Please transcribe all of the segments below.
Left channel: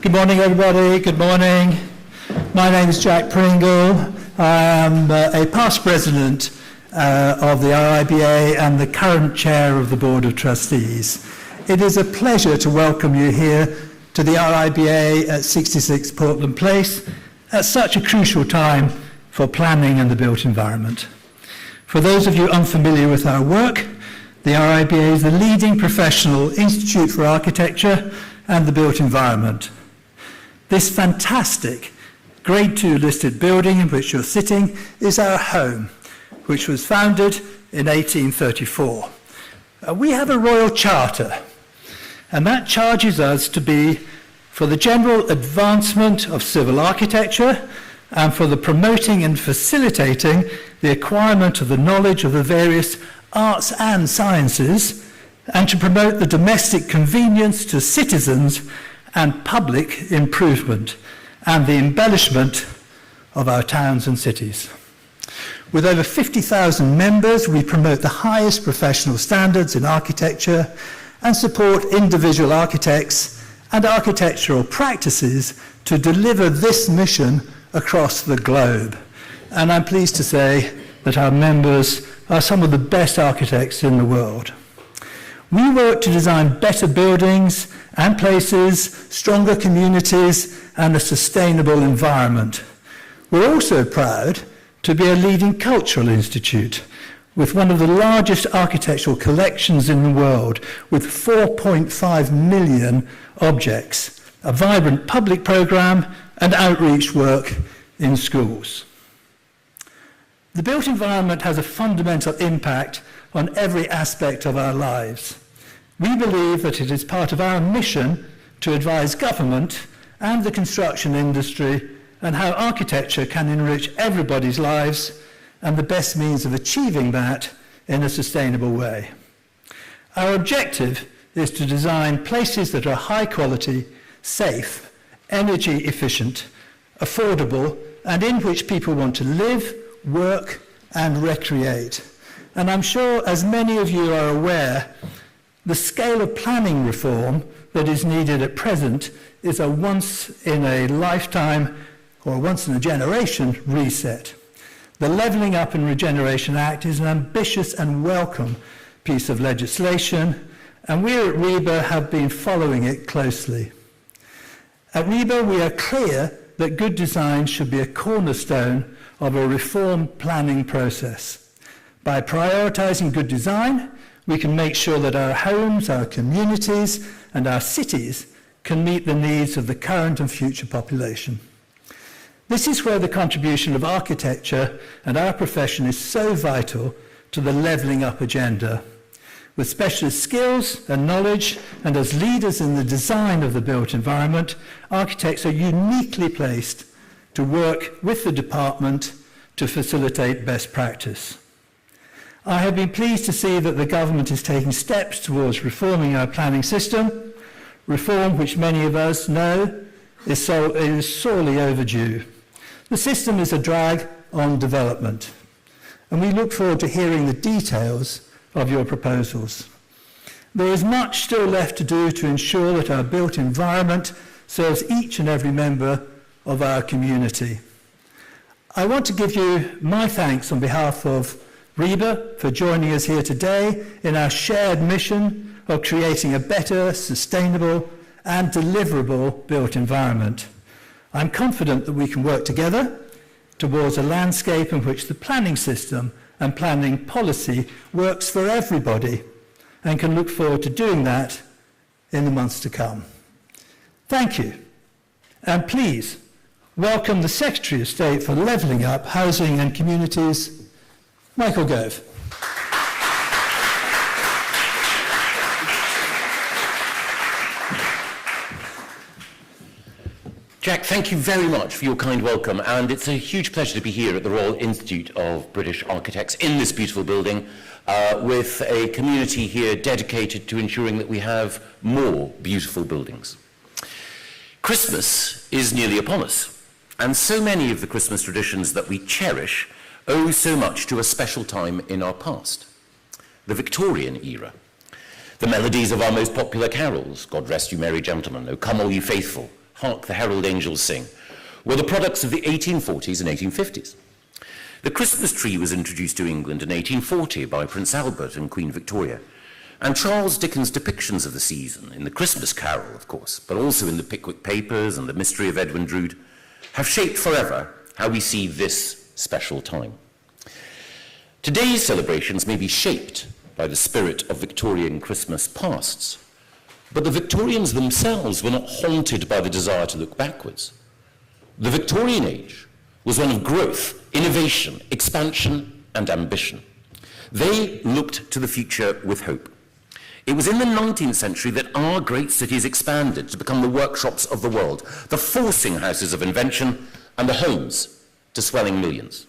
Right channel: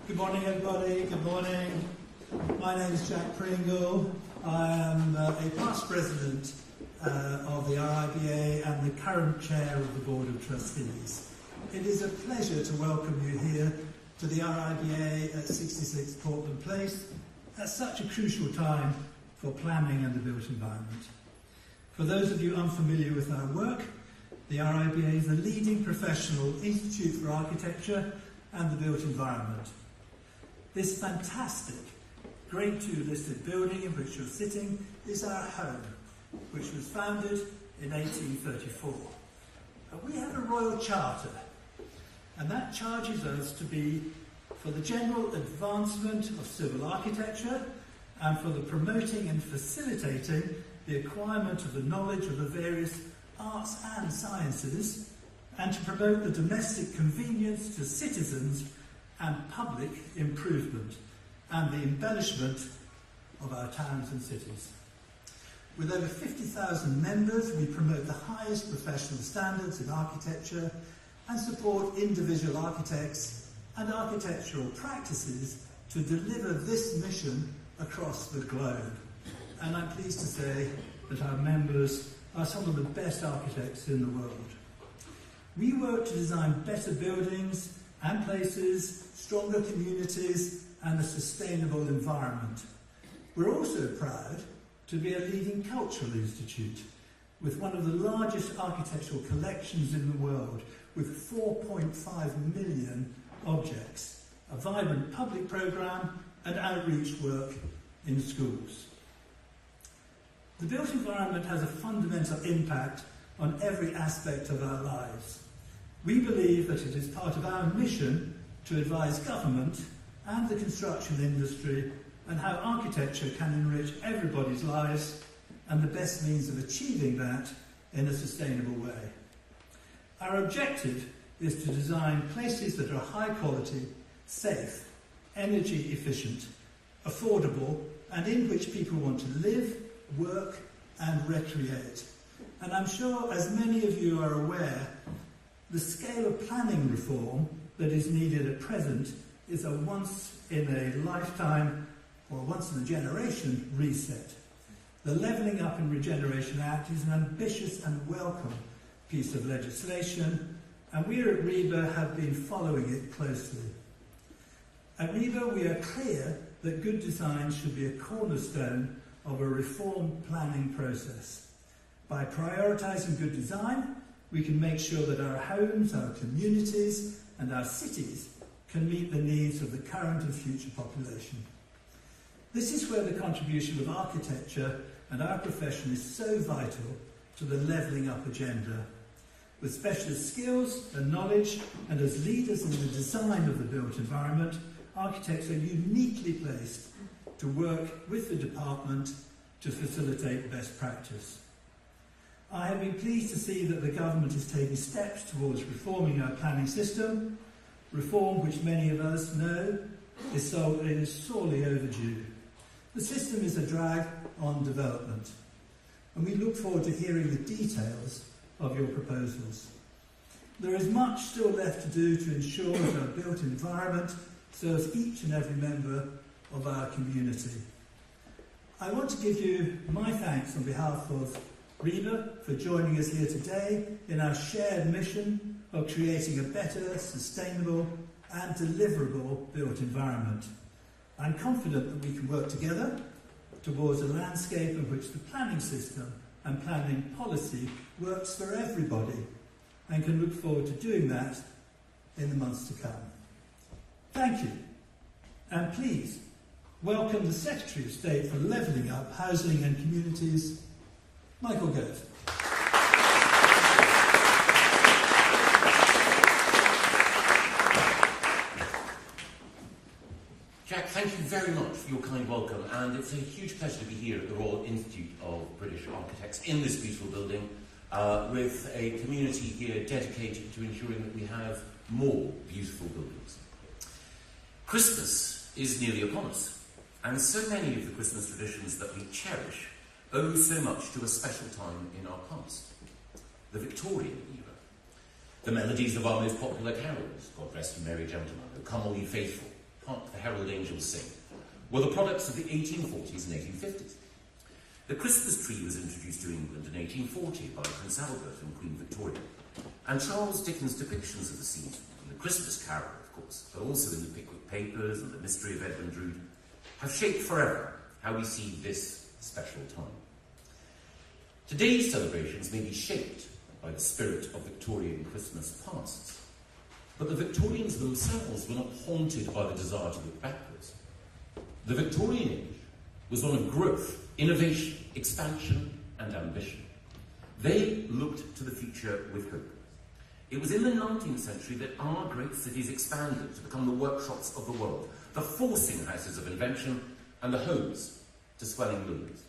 Good morning, everybody. Good morning. My name is Jack Pringle. I am a past president of the RIBA and the current chair of the Board of Trustees. It is a pleasure to welcome you here to the RIBA at 66 Portland Place at such a crucial time for planning and the built environment. For those of you unfamiliar with our work, the RIBA is the leading professional institute for architecture and the built environment. This fantastic Grade 2 listed building in which you're sitting is our home, which was founded in 1834. We have a royal charter, and that charges us to be for the general advancement of civil architecture and for the promoting and facilitating the acquirement of the knowledge of the various arts and sciences, and to promote the domestic convenience to citizens and public improvement and the embellishment of our towns and cities. With over 50,000 members, we promote the highest professional standards in architecture and support individual architects and architectural practices to deliver this mission across the globe. And I'm pleased to say that our members are some of the best architects in the world. We work to design better buildings and places, stronger communities, and a sustainable environment. We're also proud to be a leading cultural institute with one of the largest architectural collections in the world, with 4.5 million objects, a vibrant public programme, and outreach work in schools. The built environment has a fundamental impact on every aspect of our lives. We believe that it is part of our mission to advise government and the construction industry on how architecture can enrich everybody's lives and the best means of achieving that in a sustainable way. Our objective is to design places that are high quality, safe, energy efficient, affordable, and in which people want to live, work, and recreate. And I'm sure, as many of you are aware, the scale of planning reform that is needed at present is a once-in-a-lifetime or once-in-a-generation reset. The Levelling Up and Regeneration Act is an ambitious and welcome piece of legislation, and we at RIBA have been following it closely. At RIBA, we are clear that good design should be a cornerstone of a reform planning process. By prioritising good design, we can make sure that our homes, our communities, and our cities can meet the needs of the current and future population. This is where the contribution of architecture and our profession is so vital to the levelling up agenda. With specialist skills and knowledge, and as leaders in the design of the built environment, architects are uniquely placed to work with the department to facilitate best practice. I have been pleased to see that the government is taking steps towards reforming our planning system, reform which many of us know is sorely overdue. The system is a drag on development, and we look forward to hearing the details of your proposals. There is much still left to do to ensure that our built environment serves each and every member of our community. I want to give you my thanks on behalf of RIBA for joining us here today in our shared mission of creating a better, sustainable and deliverable built environment. I'm confident that we can work together towards a landscape in which the planning system and planning policy works for everybody, and can look forward to doing that in the months to come. Thank you. And please welcome the Secretary of State for Levelling Up, Housing and Communities, Michael Gove. Jack, thank you very much for your kind welcome, and it's a huge pleasure to be here at the Royal Institute of British Architects in this beautiful building with a community here dedicated to ensuring that we have more beautiful buildings. Christmas is nearly upon us, and so many of the Christmas traditions that we cherish owe so much to a special time in our past, the Victorian era. The melodies of our most popular carols, God Rest You Merry Gentlemen, O Come All Ye Faithful, Hark the Herald Angels Sing, were the products of the 1840s and 1850s. The Christmas tree was introduced to England in 1840 by Prince Albert and Queen Victoria, and Charles Dickens' depictions of the season, in the Christmas Carol, of course, but also in the Pickwick Papers and the Mystery of Edwin Drood, have shaped forever how we see this special time. Today's celebrations may be shaped by the spirit of Victorian Christmas pasts, but the Victorians themselves were not haunted by the desire to look backwards. The Victorian age was one of growth, innovation, expansion, and ambition. They looked to the future with hope. It was in the 19th century that our great cities expanded to become the workshops of the world, the forcing houses of invention, and the homes to swelling millions.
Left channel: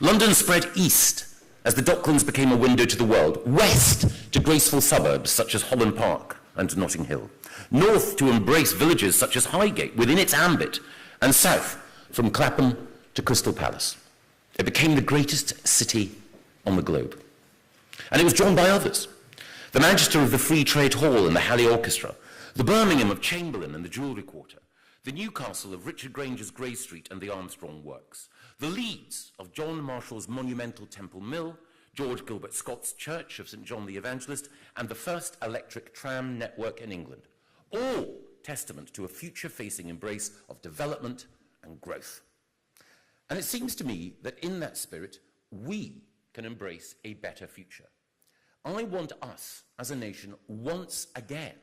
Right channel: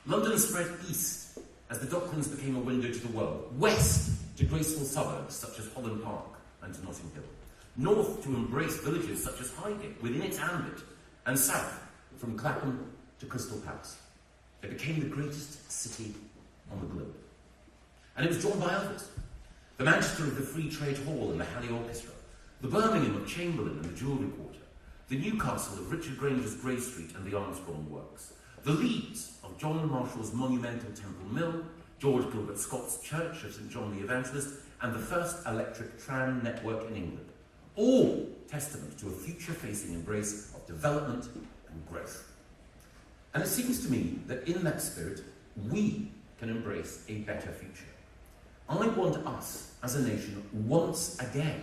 London spread east as the Docklands became a window to the world, west to graceful suburbs such as Holland Park and Notting Hill, north to embrace villages such as Highgate within its ambit, and south from Clapham to Crystal Palace. It became the greatest city on the globe. And it was joined by others. The Manchester of the Free Trade Hall and the Halley Orchestra, the Birmingham of Chamberlain and the Jewellery Quarter, the Newcastle of Richard Granger's Grey Street and the Armstrong Works, the Leeds of John Marshall's monumental Temple Mill, George Gilbert Scott's Church of St John the Evangelist, and the first electric tram network in England, all testament to a future-facing embrace of development and growth. And it seems to me that in that spirit, we can embrace a better future. I want us, as a nation, once again,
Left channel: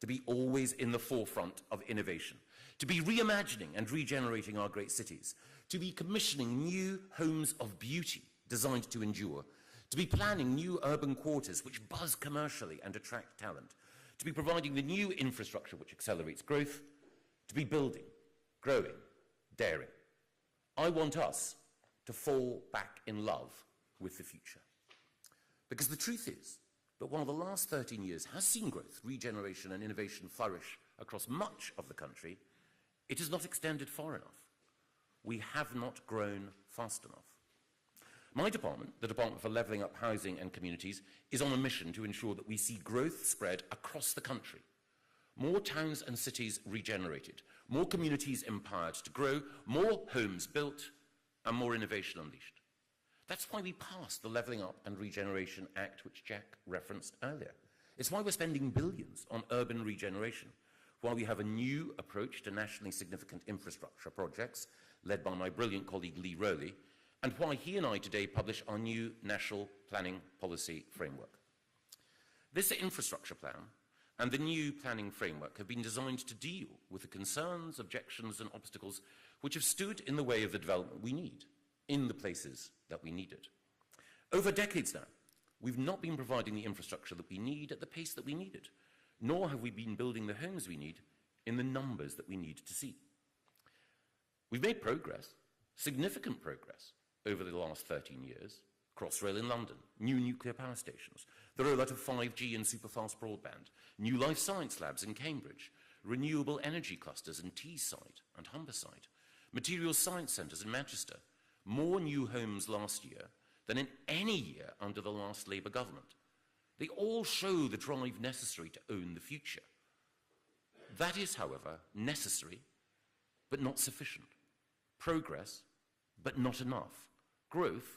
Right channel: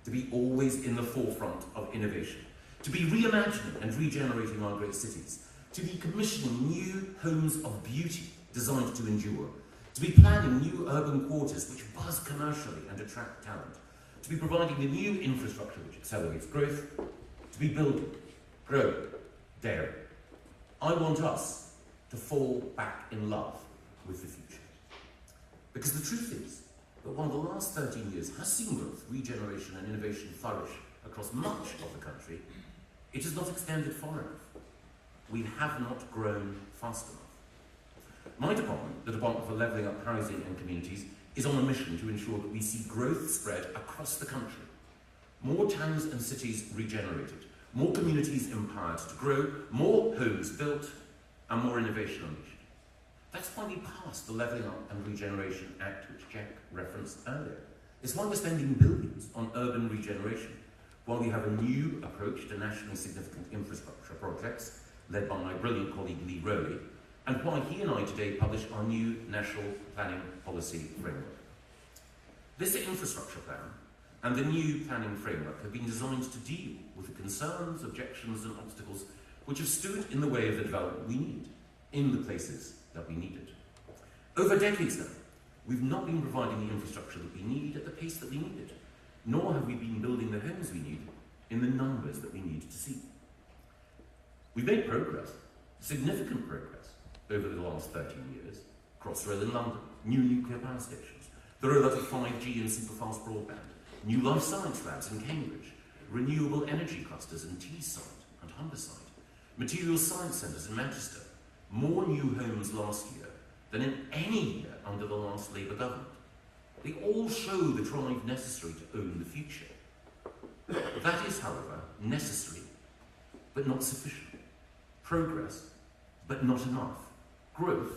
to be always in the forefront of innovation, to be reimagining and regenerating our great cities, to be commissioning new homes of beauty designed to endure, to be planning new urban quarters which buzz commercially and attract talent, to be providing the new infrastructure which accelerates growth, to be building, growing, daring. I want us to fall back in love with the future. Because the truth is that while the last 13 years has seen growth, regeneration and innovation flourish across much of the country, it has not extended far enough. We have not grown fast enough. My department, the Department for Levelling Up Housing and Communities, is on a mission to ensure that we see growth spread across the country. More towns and cities regenerated, more communities empowered to grow, more homes built, and more innovation unleashed. That's why we passed the Levelling Up and Regeneration Act, which Jack referenced earlier. It's why we're spending billions on urban regeneration, why we have a new approach to nationally significant infrastructure projects, led by my brilliant colleague Lee Rowley, and why he and I today published our new National Planning Policy Framework. This infrastructure plan and the new planning framework have been designed to deal with the concerns, objections and obstacles which have stood in the way of the development we need, in the places that we need it. Over decades now, we've not been providing the infrastructure that we need at the pace that we need it, nor have we been building the homes we need in the numbers that we need to see. We've made progress, significant progress, over the last 13 years. Crossrail in London, new nuclear power stations, the rollout of 5G and superfast broadband, new life science labs in Cambridge, renewable energy clusters in Teesside and Humberside, materials science centres in Manchester, more new homes last year than in any year under the last Labour government. They all show the drive necessary to own the future. That is, however, necessary, but not sufficient. Progress, but not enough. Growth,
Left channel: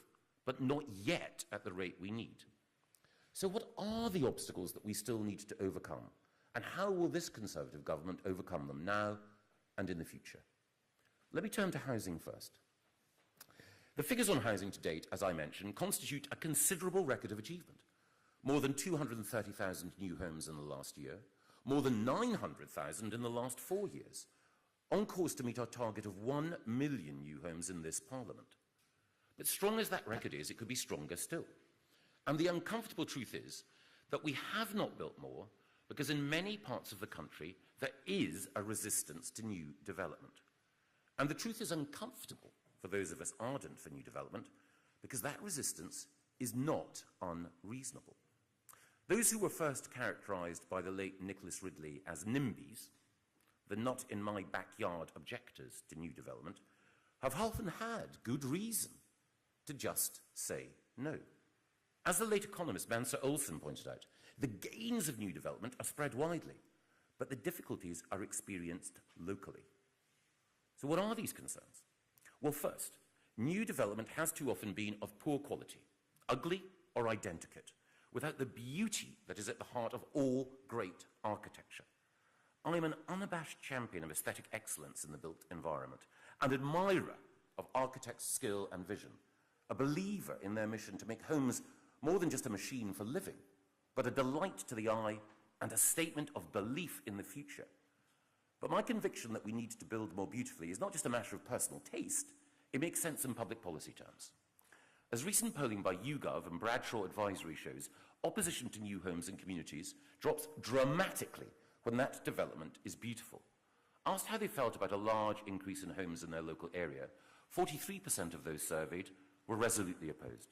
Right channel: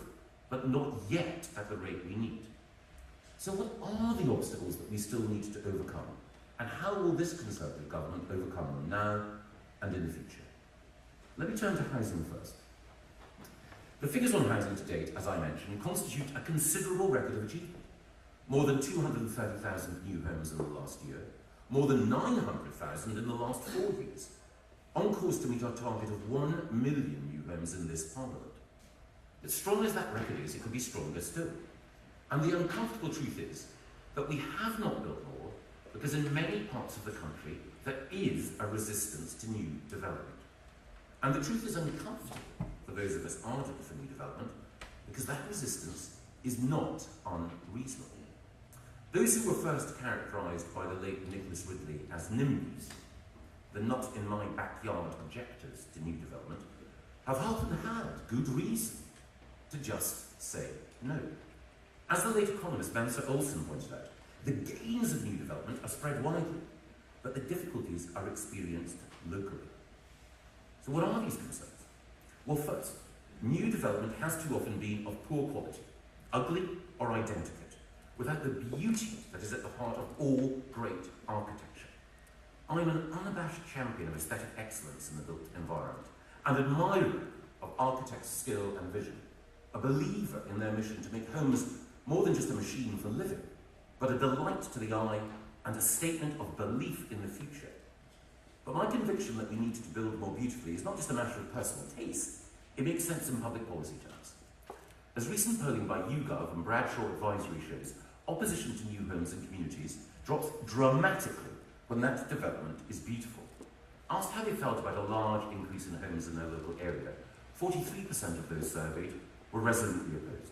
but not yet at the rate we need. So what are the obstacles that we still need to overcome? And how will this Conservative government overcome them now and in the future? Let me turn to housing first. The figures on housing to date, as I mentioned, constitute a considerable record of achievement. More than 230,000 new homes in the last year, more than 900,000 in the last 4 years, on course to meet our target of 1 million new homes in this Parliament. As strong as that record is, it can be stronger still. And the uncomfortable truth is that we have not built more because in many parts of the country there is a resistance to new development. And the truth is uncomfortable for those of us ardent for new development because that resistance is not unreasonable. Those who were first characterised by the late Nicholas Ridley as NIMBYs, the not in my backyard objectors to new development, have often had good reason to just say no. As the late economist Sir Olsen pointed out, the gains of new development are spread widely, but the difficulties are experienced locally. So what are these concerns? Well, first, new development has too often been of poor quality, ugly or identical, without the beauty that is at the heart of all great architecture. I'm an unabashed champion of aesthetic excellence in the built environment, an admirer of architects' skill and vision, a believer in their mission to make homes more than just a machine for living, but a delight to the eye and a statement of belief in the future. But my conviction that we need to build more beautifully is not just a matter of personal taste, it makes sense in public policy terms. As recent polling by Gove and Bradshaw Advisory shows, opposition to new homes and communities drops dramatically when that development is beautiful. Asked how they felt about a large increase in homes in their local area, 43% of those surveyed were resolutely opposed.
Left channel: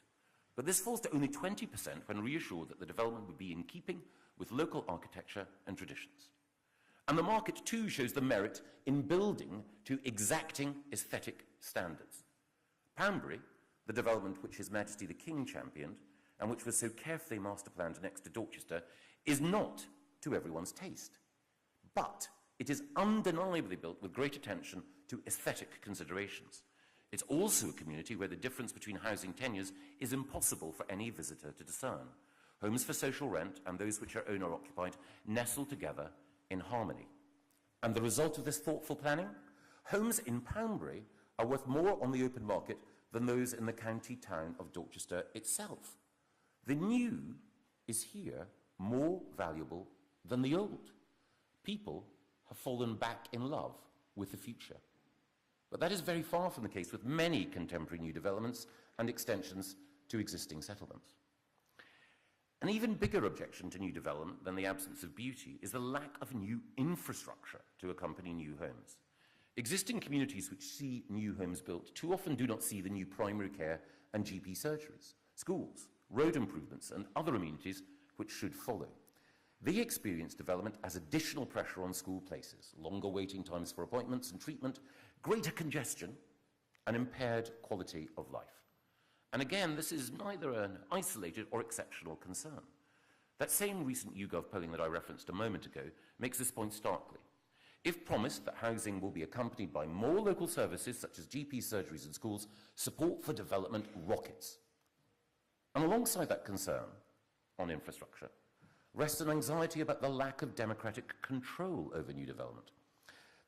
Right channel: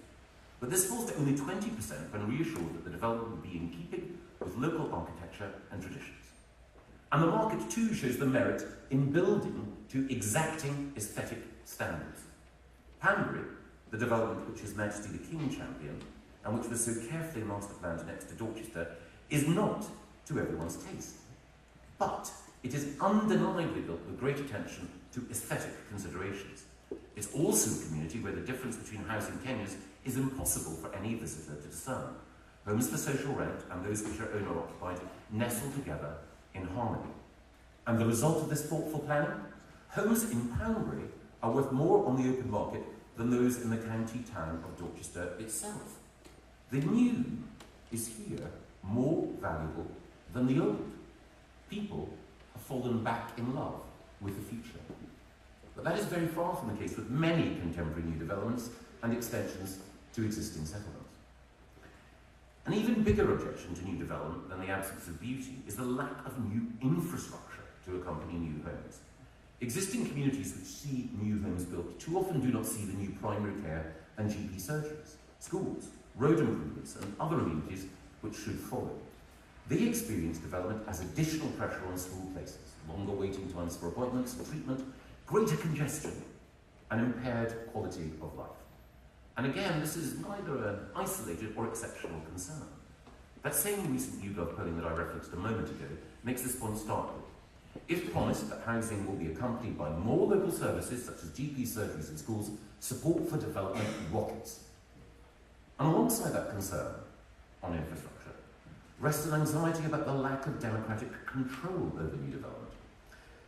But this falls to only 20% when reassured that the development would be in keeping with local architecture and traditions. And the market too shows the merit in building to exacting aesthetic standards. Panbury, the development which is meant to be the king champion, and which was so carefully master planned next to Dorchester, is not to everyone's taste. But it is undeniably built with great attention to aesthetic considerations. It's also a community where the difference between housing tenures is impossible for any visitor to discern. Homes for social rent and those which are owner-occupied nestle together in harmony. And the result of this thoughtful planning? Homes in Panbury are worth more on the open market than those in the county town of Dorchester itself. The new is here more valuable than the old. People have fallen back in love with the future. But that is very far from the case with many contemporary new developments and extensions to existing settlements. An even bigger objection to new development than the absence of beauty is the lack of new infrastructure to accompany new homes. Existing communities which see new homes built too often do not see the new primary care and GP surgeries, schools, road improvements and other amenities which should follow. They experience development as additional pressure on small places, longer waiting times for appointments and treatment, greater congestion, and impaired quality of life. And again, this is neither an isolated or exceptional concern. That same recent YouGov polling that I referenced a moment ago makes this point starkly. If promised that housing will be accompanied by more local services such as GP surgeries and schools, support for development rockets. And alongside that concern on infrastructure, rests an anxiety about the lack of democratic control over new development.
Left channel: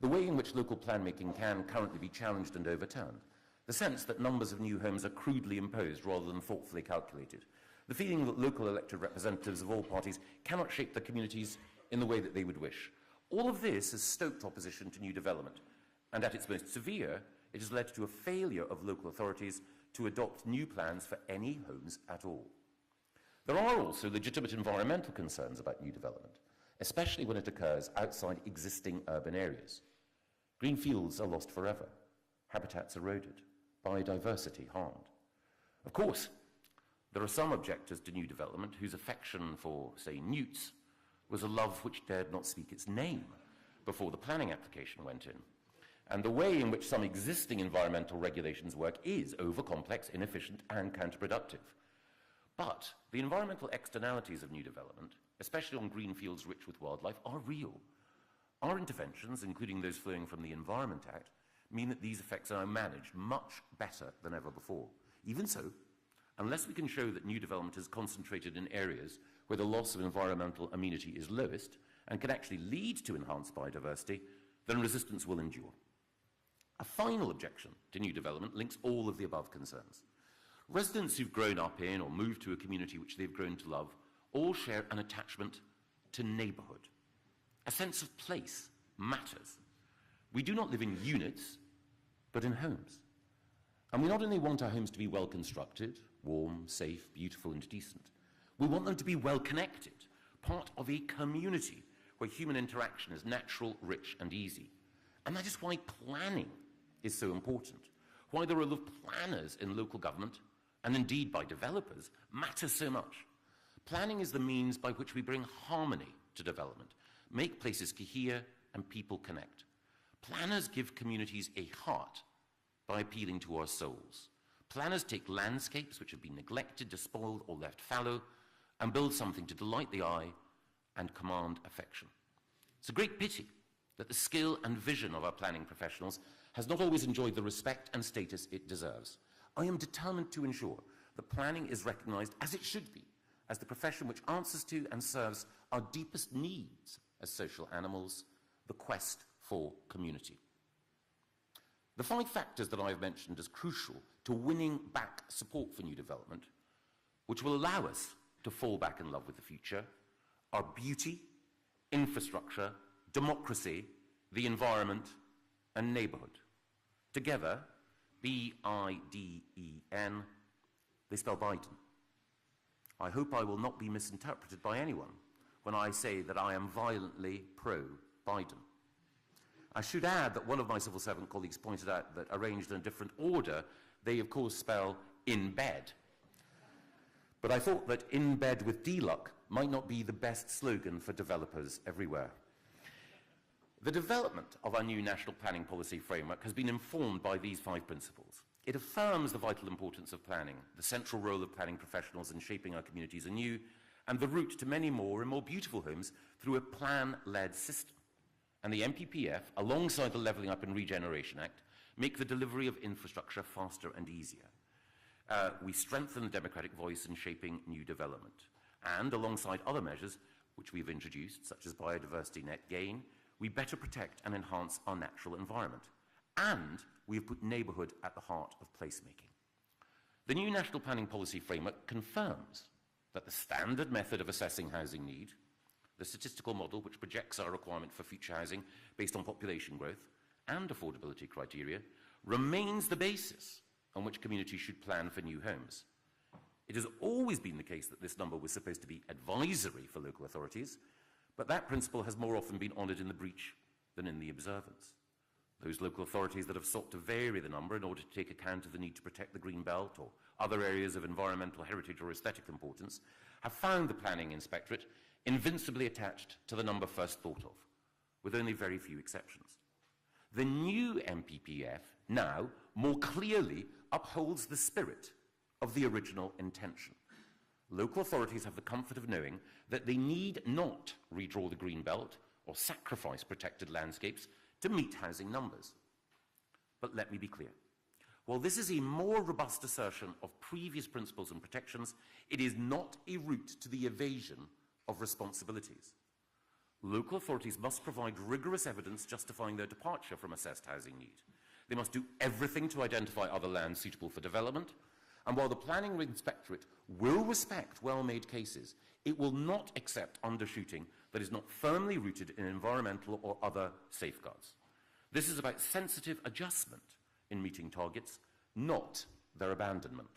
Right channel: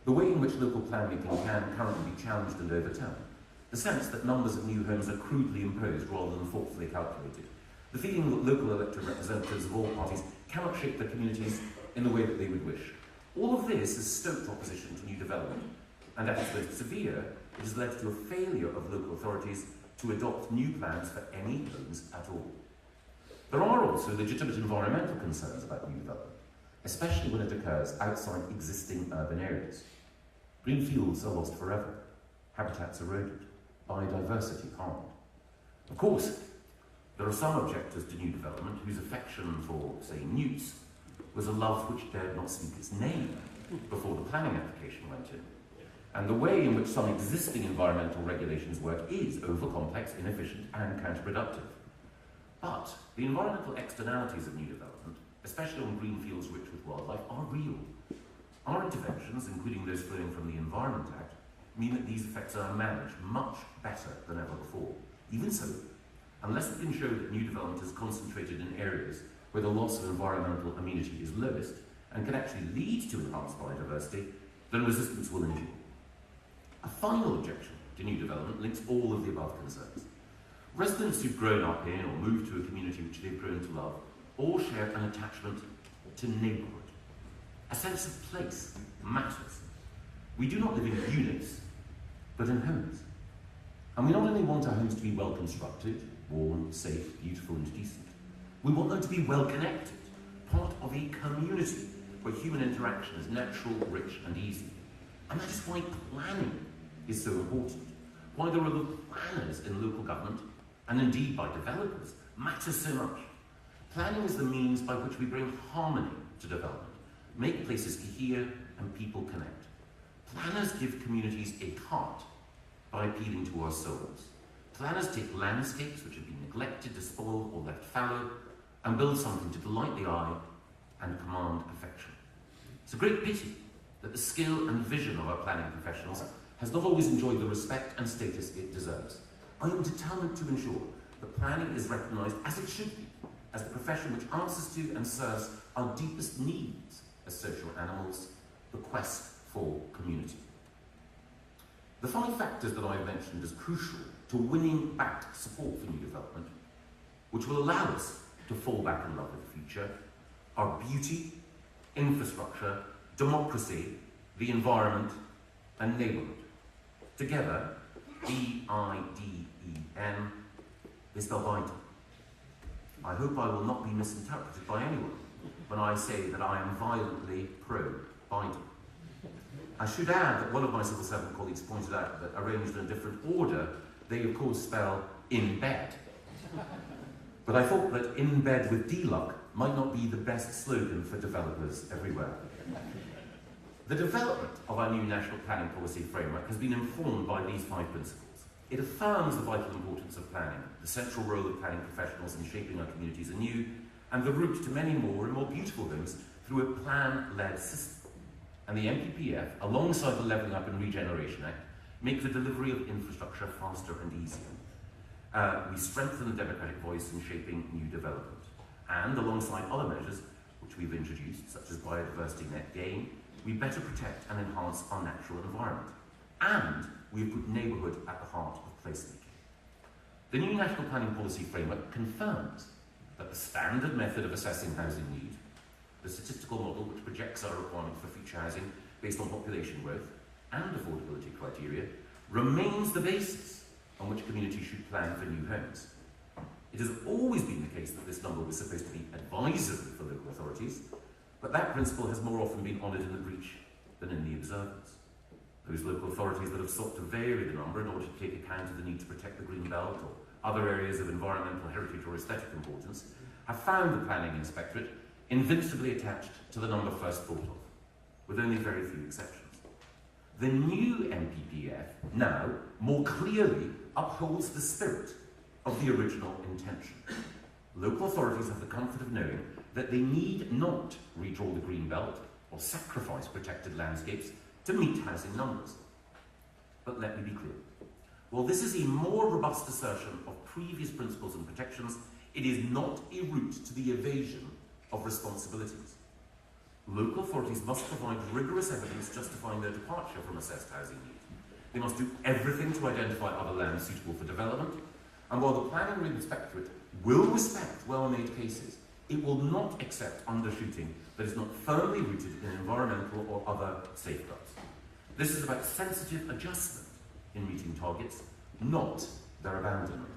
The way in which local planmaking can currently be challenged and overturned. The sense that numbers of new homes are crudely imposed rather than thoughtfully calculated. The feeling that local elected representatives of all parties cannot shape their communities in the way that they would wish. All of this has stoked opposition to new development, and at its most severe, it has led to a failure of local authorities to adopt new plans for any homes at all. There are also legitimate environmental concerns about new development, especially when it occurs outside existing urban areas. Green fields are lost forever, habitats eroded, biodiversity harmed. Of course, there are some objectors to new development whose affection for, say, newts was a love which dared not speak its name before the planning application went in. And the way in which some existing environmental regulations work is over-complex, inefficient, and counterproductive. But the environmental externalities of new development, especially on green fields rich with wildlife, are real. Our interventions, including those flowing from the Environment Act, mean that these effects are managed much better than ever before. Even so, unless we can show that new development is concentrated in areas where the loss of environmental amenity is lowest and can actually lead to enhanced biodiversity, then resistance will endure. A final objection to new development links all of the above concerns. Residents who've grown up in or moved to a community which they've grown to love all share an attachment to neighbourhood. A sense of place matters. We do not live in units, but in homes. And we not only want our homes to be well constructed, warm, safe, beautiful and decent, we want them to be well connected, part of a community where human interaction is natural, rich and easy. And that is why planning is so important. Why the role of planners in local government, and indeed by developers, matters so much. Planning is the means by which we bring harmony to development, make places to hear and people connect. Planners give communities a heart by appealing to our souls. Planners take landscapes which have been neglected, despoiled or left fallow, and build something to delight the eye and command affection. It's a great pity that the skill and vision of our planning professionals has not always enjoyed the respect and status it deserves. I am determined to ensure that planning is recognised as it should be, as a profession which answers to and serves our deepest needs as social animals, the quest for community. The 5 factors that I mentioned as crucial to winning back support for new development, which will allow us to fall back in love with the future, are beauty, infrastructure, democracy, the environment, and neighbourhood. Together, B-I-D-E-N, they spell binding. I hope I will not be misinterpreted by anyone when I say that I am violently pro-binding. I should add that one of my civil servant colleagues pointed out that arranged in a different order, they of course spell in bed. But I thought that in bed with D-Luck might not be the best slogan for developers everywhere. The development of our new national planning policy framework has been informed by these 5 principles. It affirms the vital importance of planning, the central role of planning professionals in shaping our communities anew, and the route to many more and more beautiful homes through a plan-led system. And the NPPF, alongside the Levelling Up and Regeneration Act, make the delivery of infrastructure faster and easier. We strengthen the democratic voice in shaping new development. And alongside other measures which we've introduced, such as biodiversity net gain, we better protect and enhance our natural environment. And we put neighbourhood at the heart of placemaking. The new National Planning Policy Framework confirms that the standard method of assessing housing need, the statistical model which projects our requirement for future housing based on population growth and affordability criteria, remains the basis on which communities should plan for new homes. It has always been the case that this number was supposed to be advisory for local authorities, but that principle has more often been honoured in the breach than in the observance. Those local authorities that have sought to vary the number in order to take account of the need to protect the green belt or other areas of environmental heritage or aesthetic importance have found the planning inspectorate invincibly attached to the number first thought of, with only very few exceptions. The new NPPF now more clearly upholds the spirit of the original intention. Local authorities have the comfort of knowing that they need not redraw the green belt or sacrifice protected landscapes to meet housing numbers. But let me be clear. While this is a more robust assertion of previous principles and protections, it is not a route to the evasion of responsibilities. Local authorities must provide rigorous evidence justifying their departure from assessed housing need. They must do everything to identify other land suitable for development, and while the Planning Inspectorate will respect well-made cases, it will not accept undershooting that is not firmly rooted in environmental or other safeguards. This is about sensitive adjustment in meeting targets, not their abandonment.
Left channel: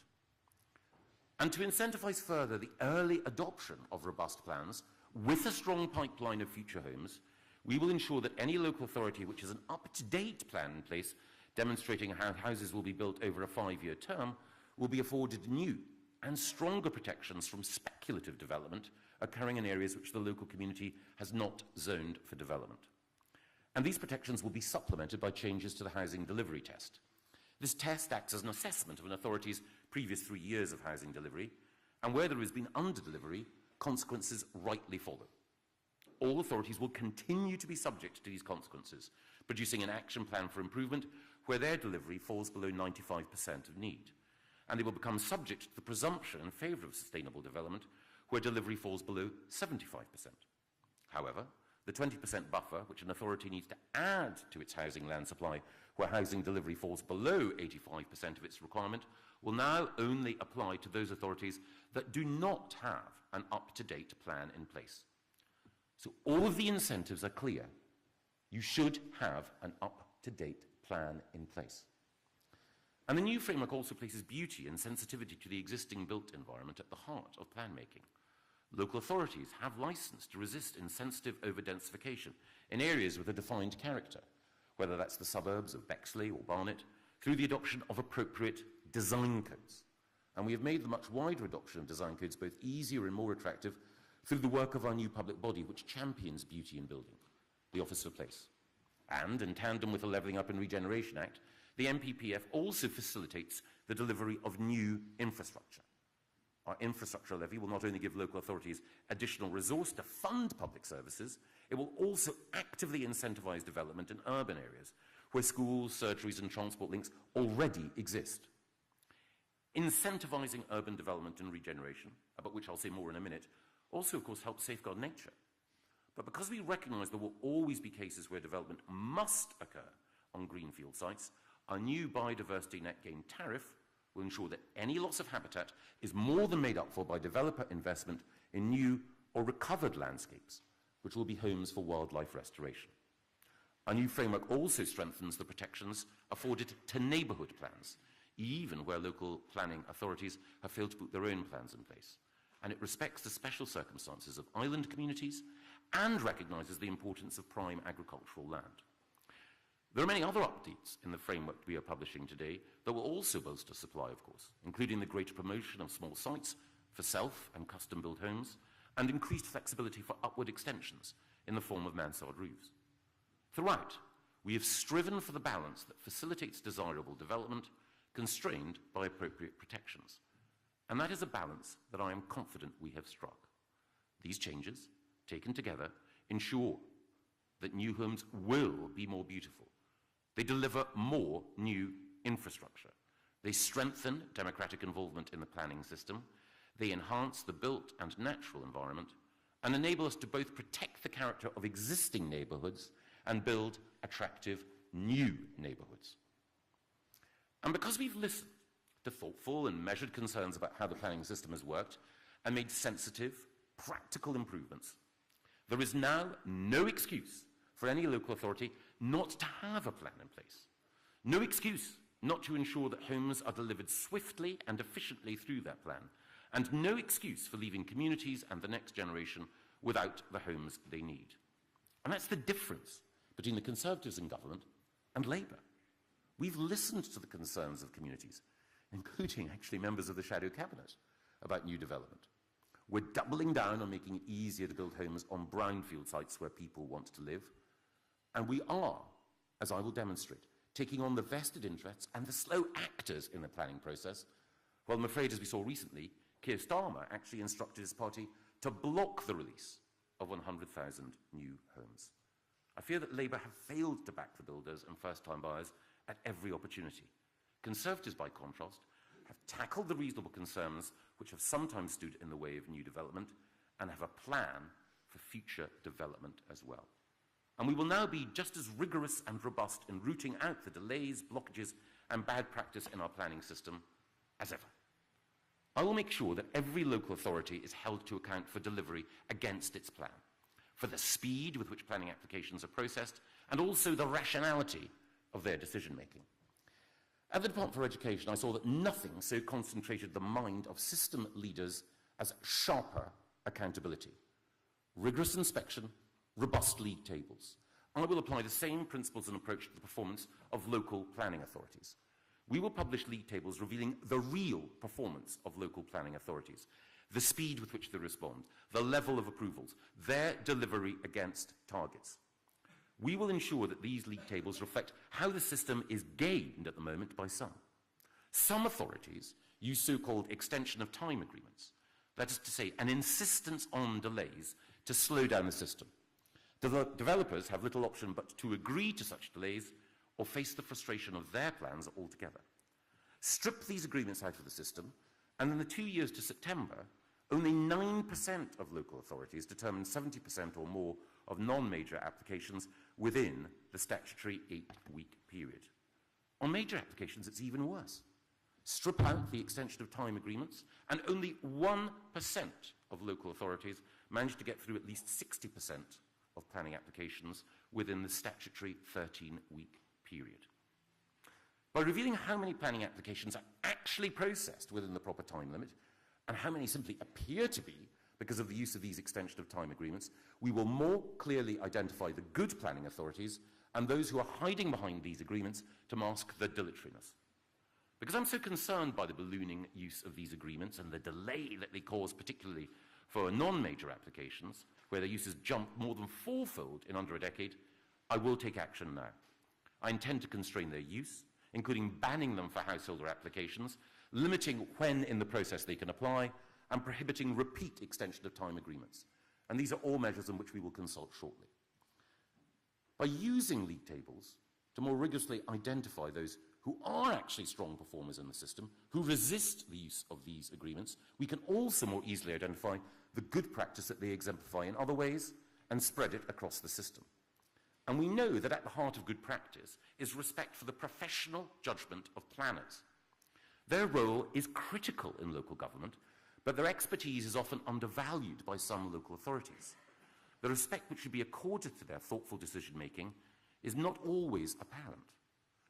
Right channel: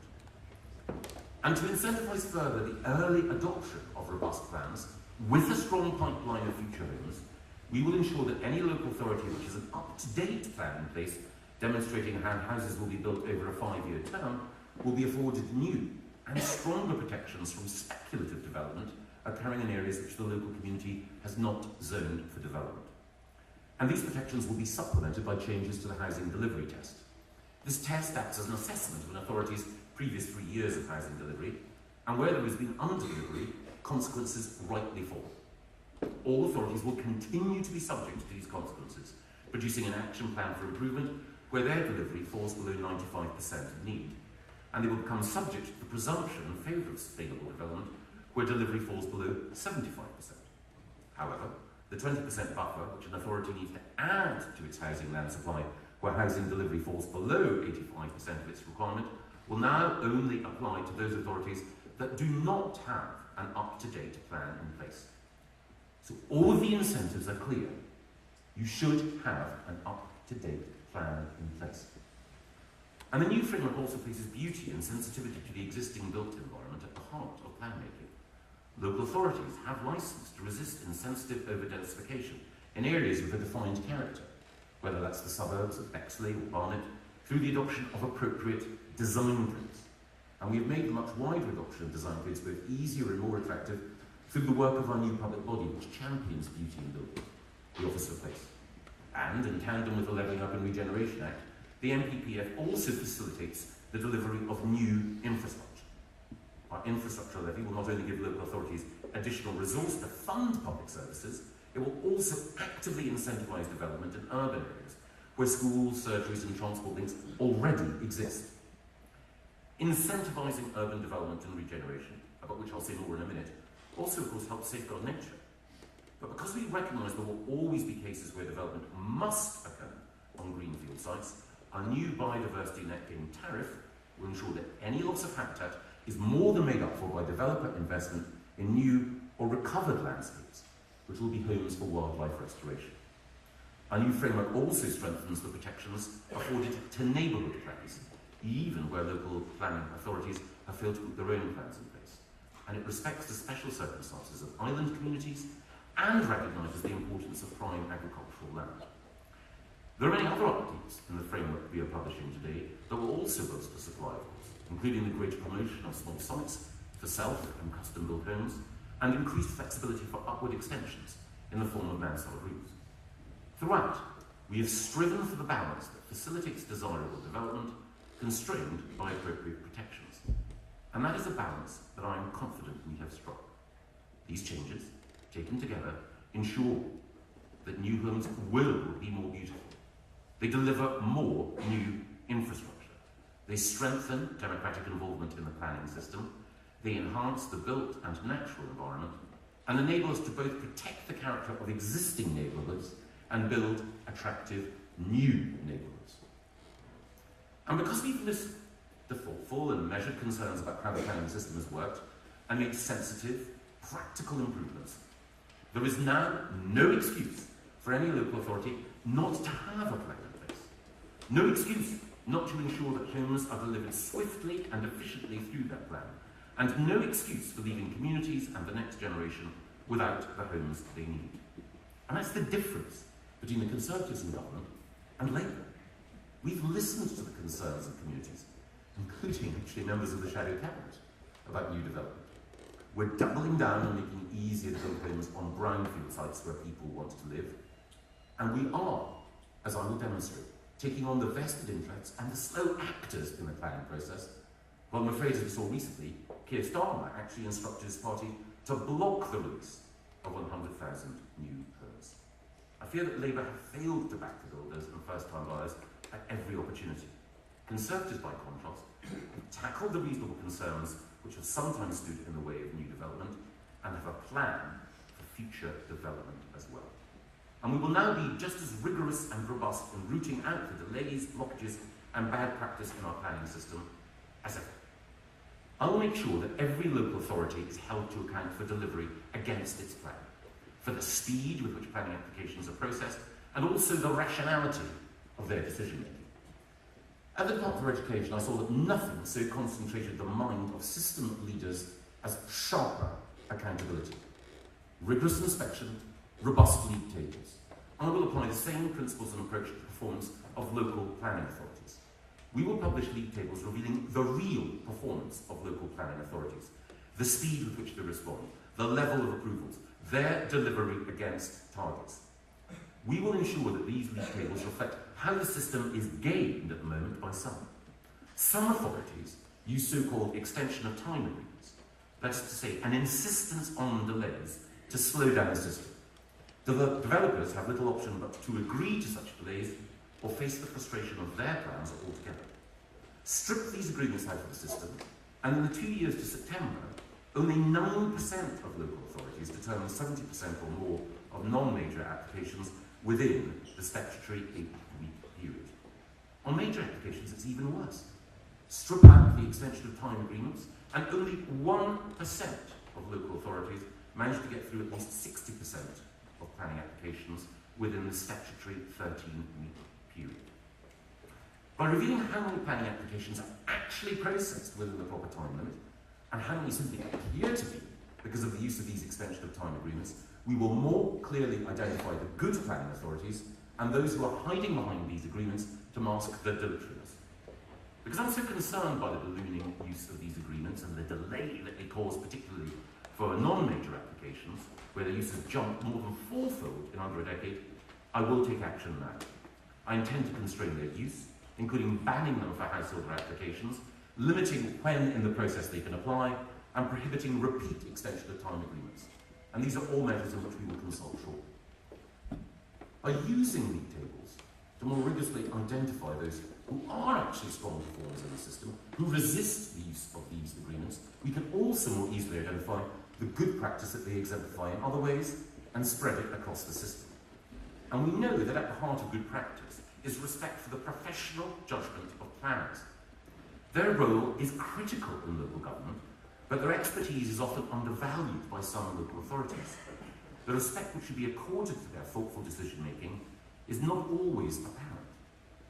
And to incentivise further the early adoption of robust plans, with a strong pipeline of future homes, we will ensure that any local authority which has an up-to-date plan in place demonstrating how houses will be built over a 5-year term will be afforded new and stronger protections from speculative development occurring in areas which the local community has not zoned for development. And these protections will be supplemented by changes to the housing delivery test. This test acts as an assessment of an authority's previous 3 years of housing delivery, and where there has been under-delivery, consequences rightly fall. All authorities will continue to be subject to these consequences, producing an action plan for improvement where their delivery falls below 95% of need. And they will become subject to the presumption in favour of sustainable development where delivery falls below 75%. However, the 20% buffer which an authority needs to add to its housing land supply where housing delivery falls below 85% of its requirement will now only apply to those authorities that do not have an up-to-date plan in place. So all the incentives are clear. You should have an up-to-date plan in place. And the new framework also places beauty and sensitivity to the existing built environment at the heart of plan making. Local authorities have licence to resist insensitive over-densification in areas with a defined character, whether that's the suburbs of Bexley or Barnet, through the adoption of appropriate design codes. And we have made a much wider adoption of design codes both easier and more attractive through the work of our new public body, which champions beauty in building, the Office of Place. And in tandem with the Levelling Up and Regeneration Act, the NPPF also facilitates the delivery of new infrastructure. Our infrastructure levy will not only give local authorities additional resource to fund public services, it will also actively incentivise incentivise development in urban areas, where schools, surgeries and transport links already exist. Incentivising urban development and regeneration, about which I'll say more in a minute, also of course helps safeguard nature. But because we recognise there will always be cases where development must occur on greenfield sites, our new biodiversity net gain tariff will ensure that any loss of habitat is more than made up for by developer investment in new or recovered landscapes, which will be homes for wildlife restoration. Our new framework also strengthens the protections afforded to neighbourhood plans, even where local planning authorities have failed to put their own plans in place. And it respects the special circumstances of island communities and recognises the importance of prime agricultural land. There are many other updates in the framework we are publishing today that will also bolster supply, of course, including the greater promotion of small sites for self and custom-built homes, and increased flexibility for upward extensions in the form of mansard routes. Throughout, we have striven for the balance that facilitates desirable development, constrained by appropriate protections. And that is a balance that I am confident we have struck. These changes, taken together, ensure that new homes will be more beautiful. They deliver more new infrastructure. They strengthen democratic involvement in the planning system. They enhance the built and natural environment and enable us to both protect the character of existing neighbourhoods and build attractive new neighbourhoods. And because we've listened to thoughtful and measured concerns about how the planning system has worked and made sensitive, practical improvements, there is now no excuse for any local authority not to have a plan in place. No excuse not to ensure that homes are delivered swiftly and efficiently through their plan, and no excuse for leaving communities and the next generation without the homes they need. And that's the difference between the Conservatives in government and Labour. We've listened to the concerns of communities, including actually members of the shadow cabinet, about new development. We're doubling down on making it easier to build homes on brownfield sites where people want to live. And we are, as I will demonstrate, taking on the vested interests and the slow actors in the planning process. Well, I'm afraid, as we saw recently, Keir Starmer actually instructed his party to block the release of 100,000 new homes. I fear that Labour have failed to back the builders and first-time buyers at every opportunity. Conservatives, by contrast, have tackled the reasonable concerns which have sometimes stood in the way of new development and have a plan for future development as well. And we will now be just as rigorous and robust in rooting out the delays, blockages and bad practice in our planning system as ever. I will make sure that every local authority is held to account for delivery against its plan, for the speed with which planning applications are processed, and also the rationality of their decision-making. At the Department for Education, I saw that nothing so concentrated the mind of system leaders as sharper accountability, rigorous inspection, robust league tables. And we will apply the same principles and approach to the performance of local planning authorities. We will publish league tables revealing the real performance of local planning authorities, the speed with which they respond, the level of approvals, their delivery against targets. We will ensure that these league tables reflect how the system is gained at the moment by some. Some authorities use so-called extension of time limits, that is to say, an insistence on delays to slow down the system. Developers have little option but to agree to such delays or face the frustration of their plans altogether. Strip these agreements out of the system, and in the 2 years to September, only 9% of local authorities determined 70% or more of non-major applications within the statutory 8-week period. On major applications, it's even worse. Strip out the extension of time agreements, and only 1% of local authorities managed to get through at least 60% of planning applications within the statutory 13-week period. By reviewing how many planning applications are actually processed within the proper time limit, and how many simply appear to be because of the use of these extension of time agreements, we will more clearly identify the good planning authorities and those who are hiding behind these agreements to mask their dilatoriness. Because I'm so concerned by the ballooning use of these agreements and the delay that they cause, particularly for non-major applications, where their use has jumped more than fourfold in under a decade, I will take action now. I intend to constrain their use, including banning them for householder applications, limiting when in the process they can apply, and prohibiting repeat extension of time agreements. And these are all measures on which we will consult shortly. by using league tables to more rigorously identify those who are actually strong performers in the system, who resist the use of these agreements, we can also more easily identify the good practice that they exemplify in other ways and spread it across the system. And we know that at the heart of good practice is respect for the professional judgment of planners. Their role is critical in local government, but their expertise is often undervalued by some local authorities. The respect which should be accorded to their thoughtful decision-making is not always apparent.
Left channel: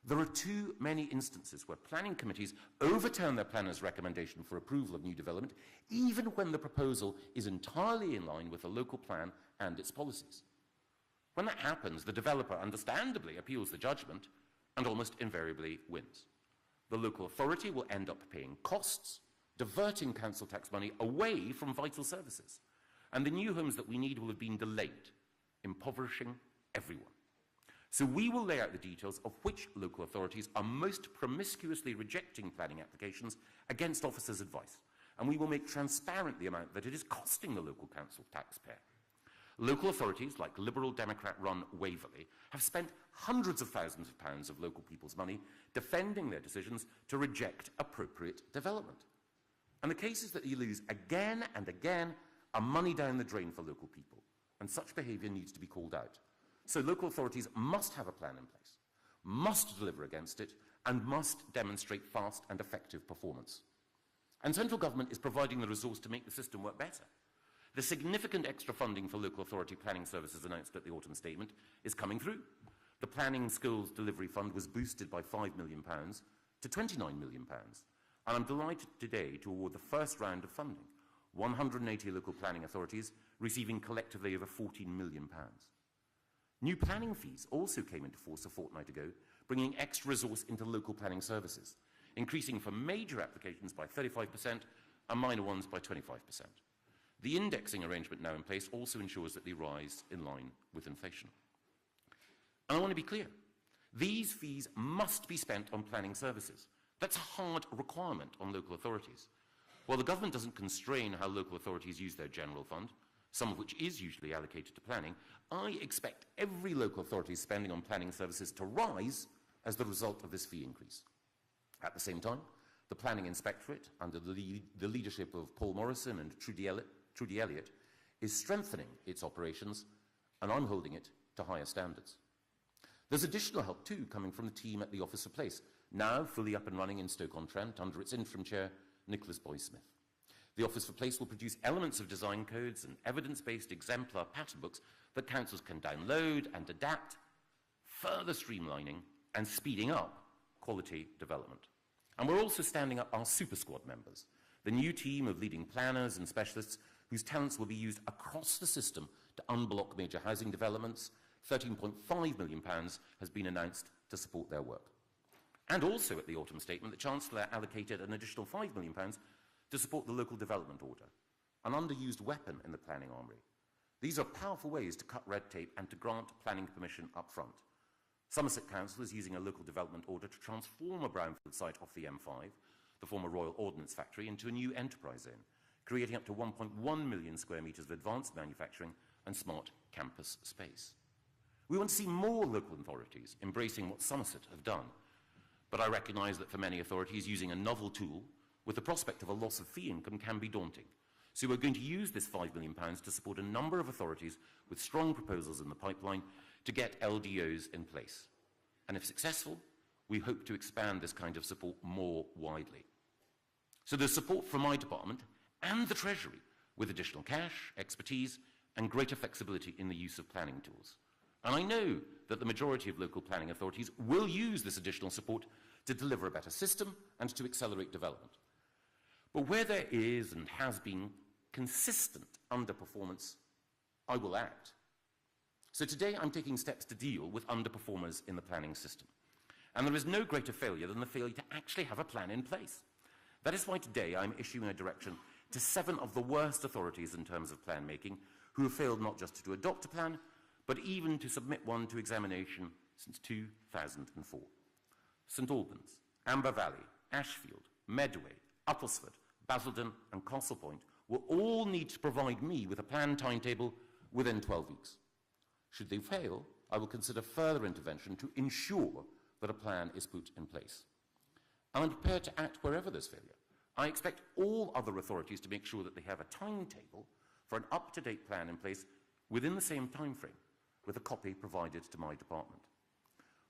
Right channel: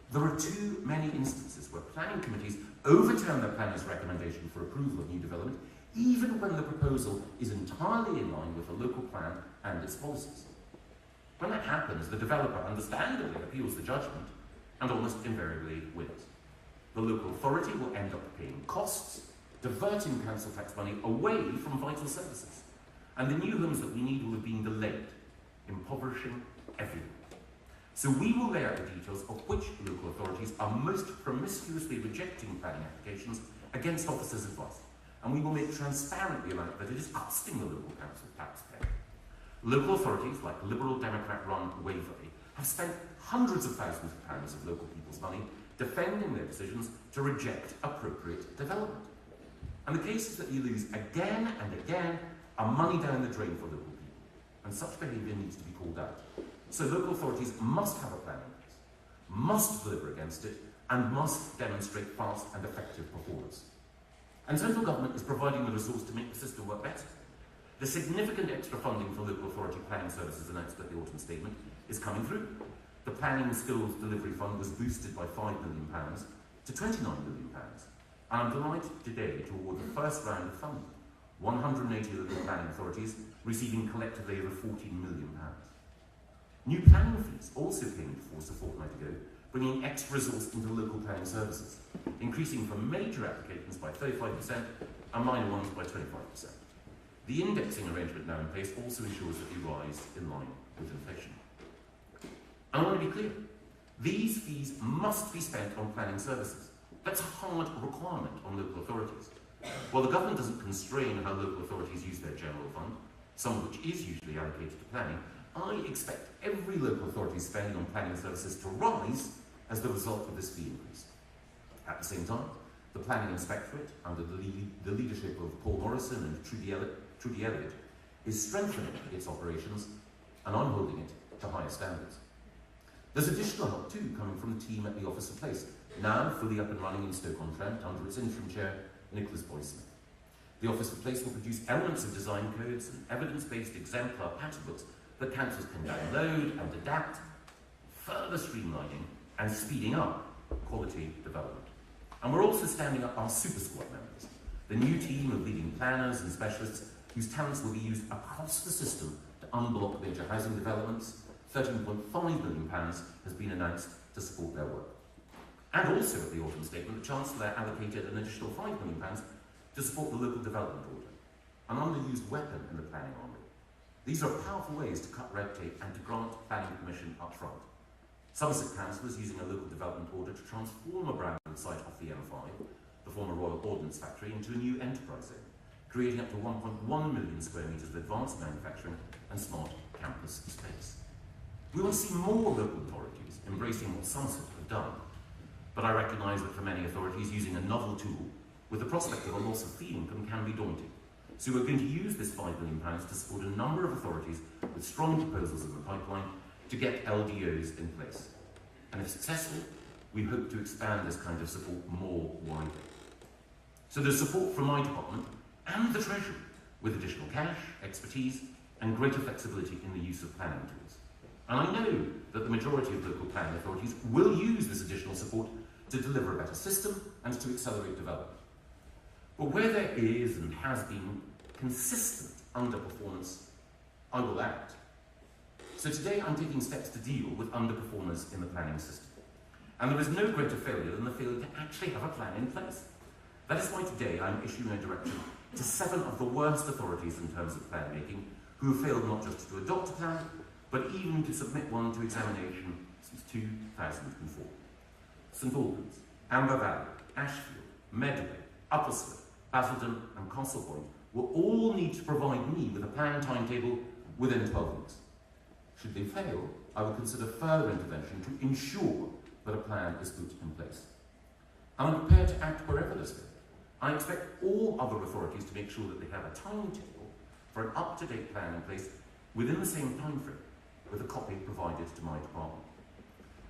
There are too many instances where planning committees overturn their planner's recommendation for approval of new development, even when the proposal is entirely in line with the local plan and its policies. When that happens, the developer understandably appeals the judgment and almost invariably wins. The local authority will end up paying costs, diverting council tax money away from vital services. And the new homes that we need will have been delayed, impoverishing everyone. So we will lay out the details of which local authorities are most promiscuously rejecting planning applications against officers' advice. And we will make transparent the amount that it is costing the local council taxpayer. Local authorities, like Liberal Democrat-run Waverley, have spent hundreds of thousands of pounds of local people's money defending their decisions to reject appropriate development. And the cases that you lose again and again are money down the drain for local people. And such behaviour needs to be called out. So local authorities must have a plan in place, must deliver against it, and must demonstrate fast and effective performance. And central government is providing the resource to make the system work better. The significant extra funding for local authority planning services announced at the autumn statement is coming through. The Planning Skills Delivery Fund was boosted by £5 million to £29 million. And I'm delighted today to award the first round of funding, 180 local planning authorities receiving collectively over £14 million. New planning fees also came into force a fortnight ago, bringing extra resource into local planning services, increasing for major applications by 35% and minor ones by 25%. The indexing arrangement now in place also ensures that they rise in line with inflation. And I want to be clear, these fees must be spent on planning services. That's a hard requirement on local authorities. While the government doesn't constrain how local authorities use their general fund, some of which is usually allocated to planning, I expect every local authority spending on planning services to rise as the result of this fee increase. At the same time, the Planning Inspectorate, under the leadership of Paul Morrison and Trudy Elliott, is strengthening its operations, and I'm holding it to higher standards. There's additional help too coming from the team at the Office for Place, now fully up and running in Stoke-on-Trent under its interim chair, Nicholas Boyson. The Office for Place will produce elements of design codes and evidence-based exemplar pattern books that councils can download and adapt, further streamlining and speeding up quality development. And we're also standing up our super squad members, the new team of leading planners and specialists whose talents will be used across the system to unblock major housing developments. £13.5 million has been announced to support their work. And also at the autumn statement, the Chancellor allocated an additional £5 million to support the local development order, an underused weapon in the planning army. These are powerful ways to cut red tape and to grant planning permission up front. Somerset Council is using a local development order to transform a brownfield site off the M5, the former Royal Ordnance Factory, into a new enterprise zone, creating up to 1.1 million square metres of advanced manufacturing and smart campus space. We will see more local authorities embracing what Somerset have done, but I recognise that for many authorities, using a novel tool with the prospect of a loss of fee income can be daunting. So we're going to use this £5 million to support a number of authorities with strong proposals in the pipeline to get LDOs in place. And if successful, we hope to expand this kind of support more widely. So there's support from my department and the Treasury with additional cash, expertise, and greater flexibility in the use of planning tools. And I know that the majority of local planning authorities will use this additional support to deliver a better system and to accelerate development. But where there is and has been consistent underperformance, I will act. So today I'm taking steps to deal with underperformance in the planning system. And there is no greater failure than the failure to actually have a plan in place. That is why today I'm issuing a direction to 7 of the worst authorities in terms of plan making, who have failed not just to adopt a plan, but even to submit one to examination since 2004. St Albans, Amber Valley, Ashfield, Medway, Uppersford, Basildon and Castlepoint will all need to provide me with a plan timetable within 12 weeks. Should they fail, I will consider further intervention to ensure that a plan is put in place. I'm prepared to act wherever there's failure. I expect all other authorities to make sure that they have a timetable for an up-to-date plan in place within the same timeframe with the copy provided to my department.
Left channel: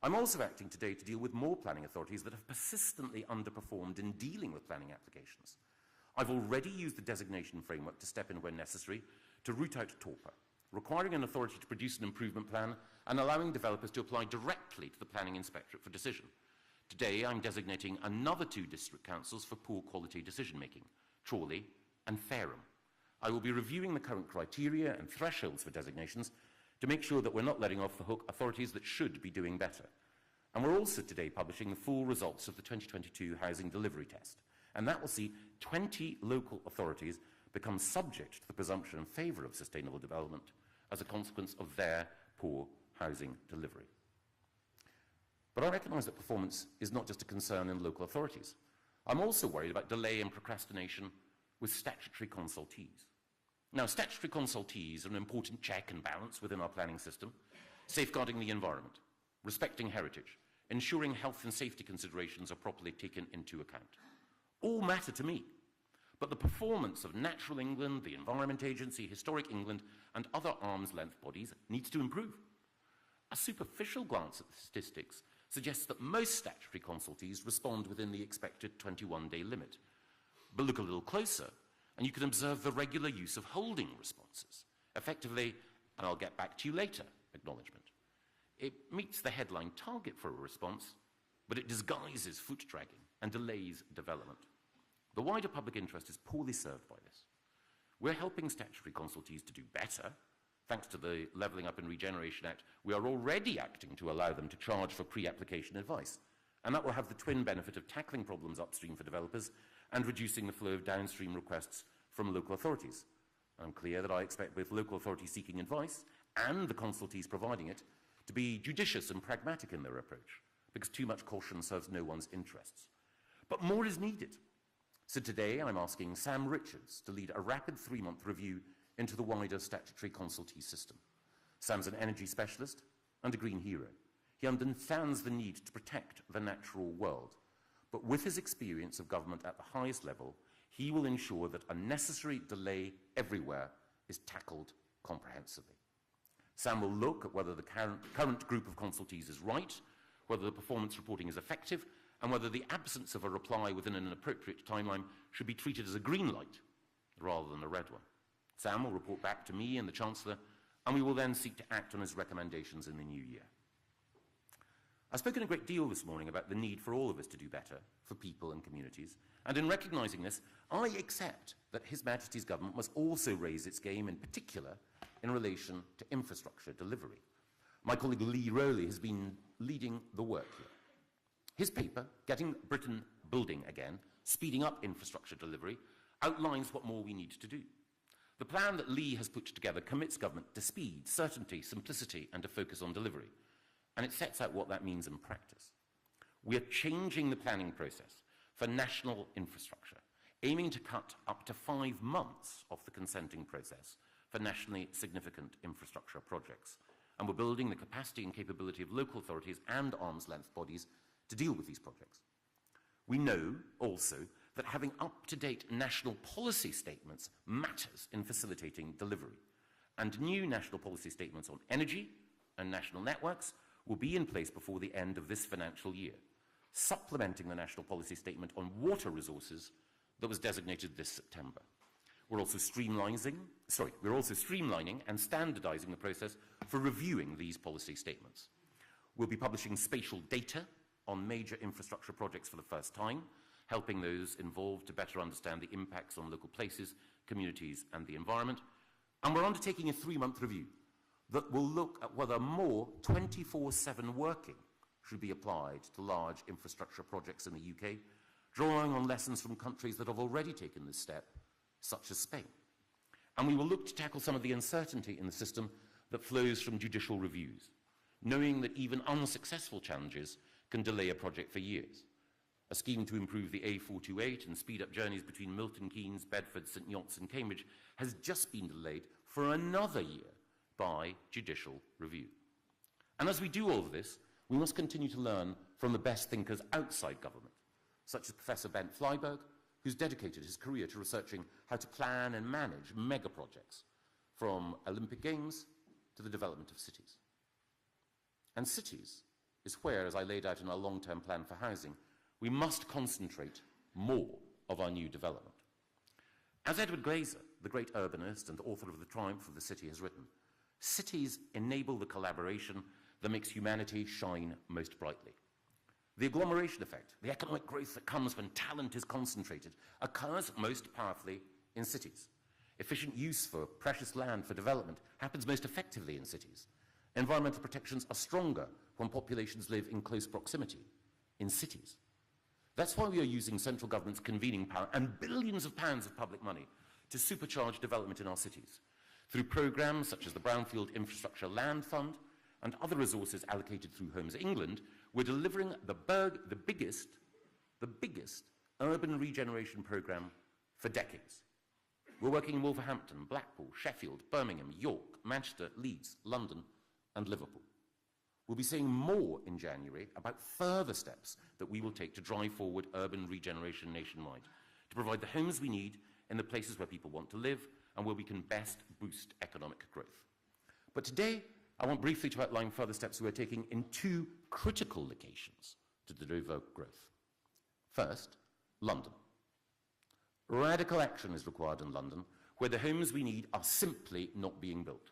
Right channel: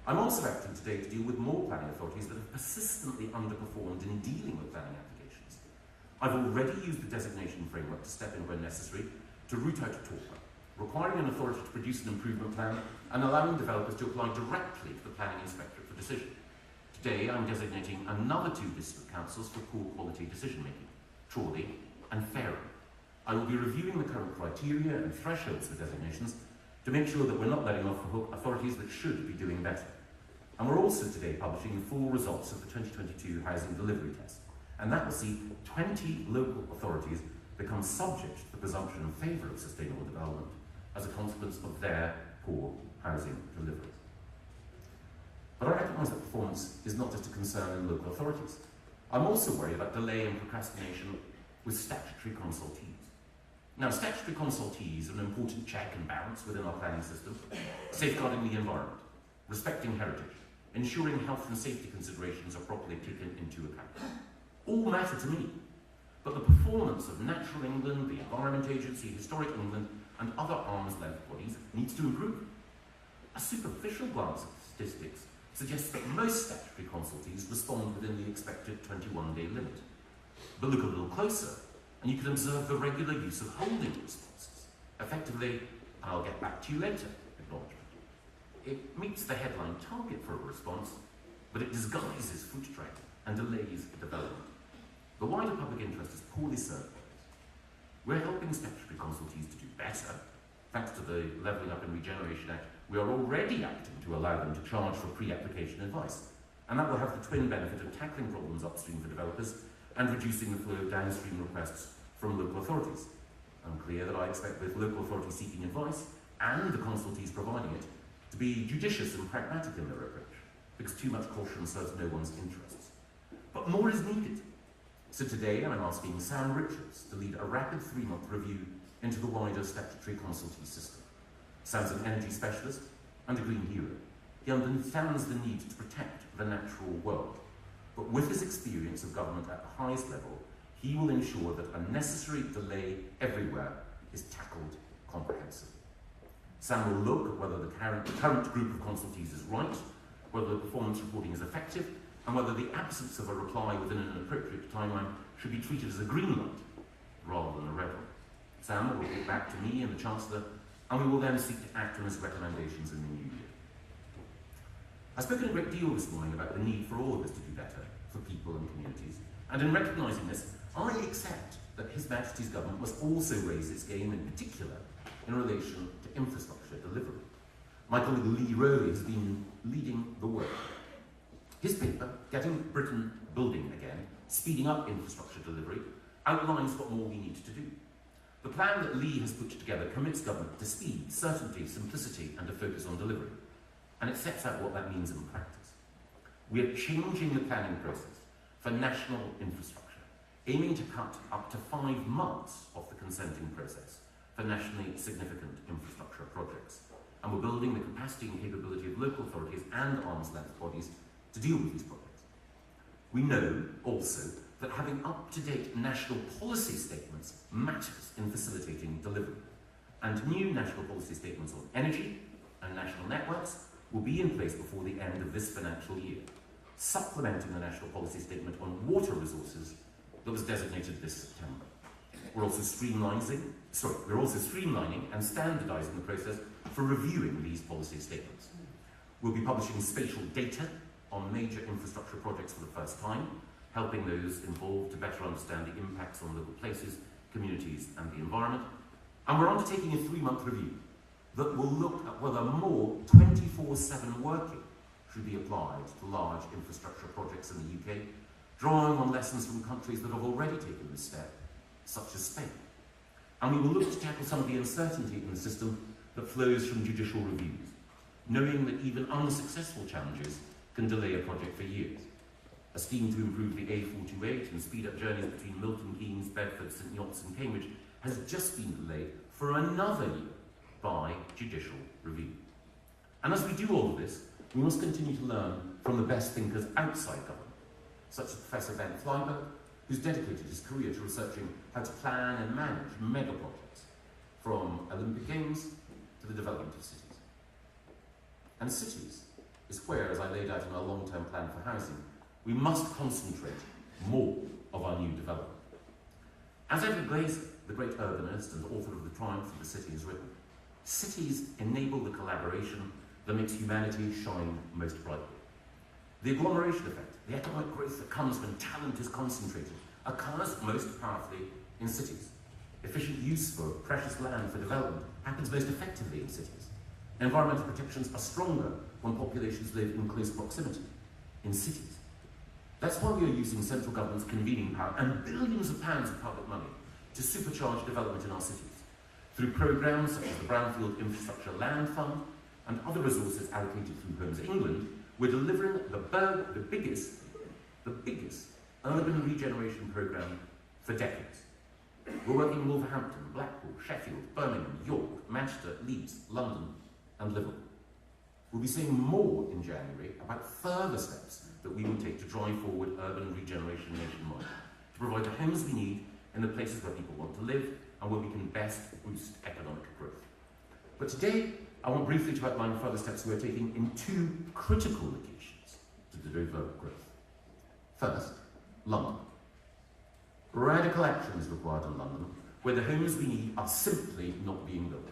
I'm also acting today to deal with more planning authorities that have persistently underperformed in dealing with planning applications. I've already used the designation framework to step in where necessary to root out a talker, requiring an authority to produce an improvement plan and allowing developers to apply directly to the planning inspectorate for decision. Today I'm designating another 2 district councils for poor quality decision making, Chorley and Fareham. I will be reviewing the current criteria and thresholds for designations to make sure that we're not letting off the hook authorities that should be doing better. And we're also today publishing the full results of the 2022 Housing Delivery Test, and that will see 20 local authorities become subject to the presumption in favour of sustainable development as a consequence of their poor housing delivery. But I recognise that performance is not just a concern in local authorities. I'm also worried about delay and procrastination with statutory consultees. Now, statutory consultees are an important check and balance within our planning system, safeguarding the environment, respecting heritage, ensuring health and safety considerations are properly taken into account. All matter to me, but the performance of Natural England, the Environment Agency, Historic England, and other arm's-length bodies needs to improve. A superficial glance at statistics suggests that most statutory consultees respond within the expected 21-day limit. But look a little closer, and you can observe the regular use of holding responses. Effectively, and I'll get back to you later, acknowledgement. It meets the headline target for a response, but it disguises foot drag and delays development. The wider public interest is poorly served by this. We're helping statutory consultees to do better. Thanks to the Levelling Up and Regeneration Act, we are already acting to allow them to charge for pre-application advice. And that will have the twin benefit of tackling problems upstream for developers and reducing the flow of downstream requests from local authorities. I'm clear that I expect both local authorities seeking advice and the consultees providing it to be judicious and pragmatic in their approach, because too much caution serves no one's interests. But more is needed. So today I'm asking Sam Richards to lead a rapid 3-month review into the wider statutory consultee system. Sam's an energy specialist and a green hero. He understands the need to protect the natural world. But with his experience of government at the highest level, he will ensure that a necessary delay everywhere is tackled comprehensively. Sam will look at whether the current group of consultees is right, whether the performance reporting is effective, and whether the absence of a reply within an appropriate timeline should be treated as a green light rather than a red one. Sam will report back to me and the Chancellor, and we will then seek to act on his recommendations in the new year. I've spoken a great deal this morning about the need for all of us to do better for people and communities, and in recognising this, I accept that His Majesty's Government must also raise its game, in particular, in relation to infrastructure delivery. My colleague Lee Rowley has been leading the work. His paper, Getting Britain Building Again, Speeding Up Infrastructure Delivery, outlines what more we need to do. The plan that Lee has put together commits government to speed, certainty, simplicity, and a focus on delivery. And it sets out what that means in practice. We are changing the planning process for national infrastructure, aiming to cut up to 5 months off the consenting process for nationally significant infrastructure projects. And we're building the capacity and capability of local authorities and arm's-length bodies to deal with these projects. We know also that having up-to-date national policy statements matters in facilitating delivery. And new national policy statements on energy and national networks will be in place before the end of this financial year, supplementing the national policy statement on water resources that was designated this September. We're also streamlining and standardising the process for reviewing these policy statements. We'll be publishing spatial data on major infrastructure projects for the first time, helping those involved to better understand the impacts on local places, communities, and the environment. And we're undertaking a 3-month review that will look at whether more 24/7 working should be applied to large infrastructure projects in the UK, drawing on lessons from countries that have already taken this step, such as Spain. And we will look to tackle some of the uncertainty in the system that flows from judicial reviews, knowing that even unsuccessful challenges can delay a project for years. A scheme to improve the A428 and speed up journeys between Milton Keynes, Bedford, St Neots and Cambridge has just been delayed for another year by judicial review. do all of this, we must continue to learn from the best thinkers outside government, such as Professor Ben Flyber, who's dedicated his career to researching how to plan and manage mega projects, from Olympic Games to the development of cities. And cities is where, as I laid out in our long-term plan for housing, we must concentrate more of our new development. As Edward Glaser, the great urbanist and author of The Triumph of the City, has written, cities enable the collaboration that makes humanity shine most brightly. The agglomeration effect, the economic growth that comes when talent is concentrated, occurs most powerfully in cities. Efficient use of precious land for development happens most effectively in cities. Environmental protections are stronger when populations live in close proximity in cities. That's why we are using central government's convening power and billions of pounds of public money to supercharge development in our cities through programmes such as the Brownfield Infrastructure Land Fund and other resources allocated through Homes England. We're delivering the biggest urban regeneration programme for decades. We're working in Wolverhampton, Blackpool, Sheffield, Birmingham, York, Manchester, Leeds, London and Liverpool. We'll be saying more in January about further steps that we will take to drive forward urban regeneration nationwide, to provide the homes we need in the places where people want to live and where we can best boost economic growth. But today, I want briefly to outline further steps we're taking in two critical locations to deliver growth. First, London. Radical action is required in London, where the homes we need are simply not being built.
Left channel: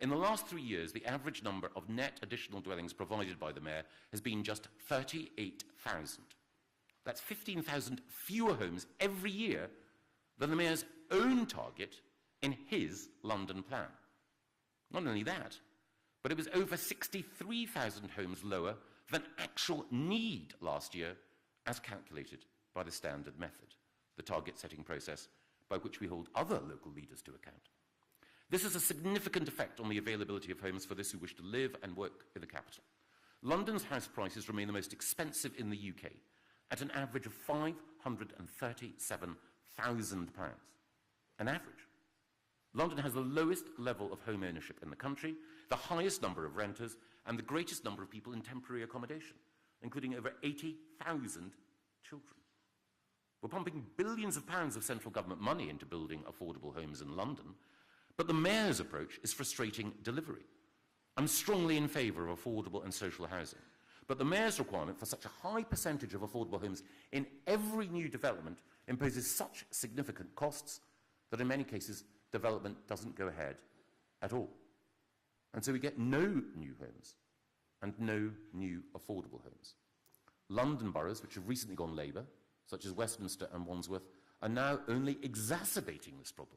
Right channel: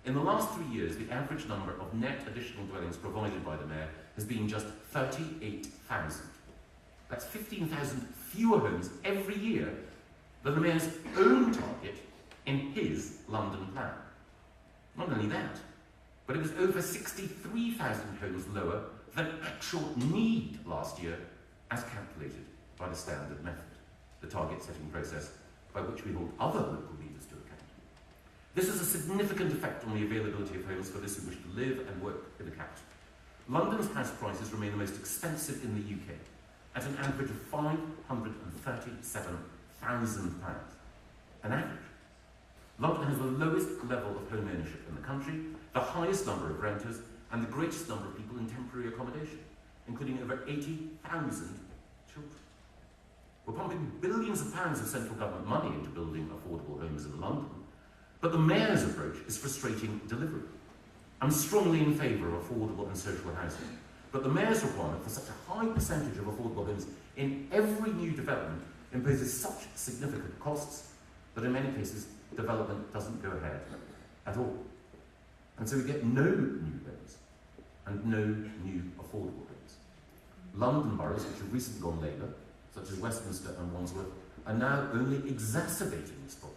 In the last 3 years, the average number of net additional dwellings provided by the Mayor has been just 38,000. That's 15,000 fewer homes every year than the Mayor's own target in his London plan. Not only that, but it was over 63,000 homes lower than actual need last year as calculated by the standard method, the target setting process by which we hold other local leaders to account. This has a significant effect on the availability of homes for those who wish to live and work in the capital. London's house prices remain the most expensive in the UK, at an average of £537,000. An average. London has the lowest level of home ownership in the country, the highest number of renters, and the greatest number of people in temporary accommodation, including over 80,000 children. We're pumping billions of pounds of central government money into building affordable homes in London, but the Mayor's approach is frustrating delivery. I'm strongly in favour of affordable and social housing, but the Mayor's requirement for such a high percentage of affordable homes in every new development imposes such significant costs that in many cases development doesn't go ahead at all. And so we get no new homes and no new affordable homes. London boroughs, which have recently gone Labour, such as Westminster and Wandsworth, are now only exacerbating this problem.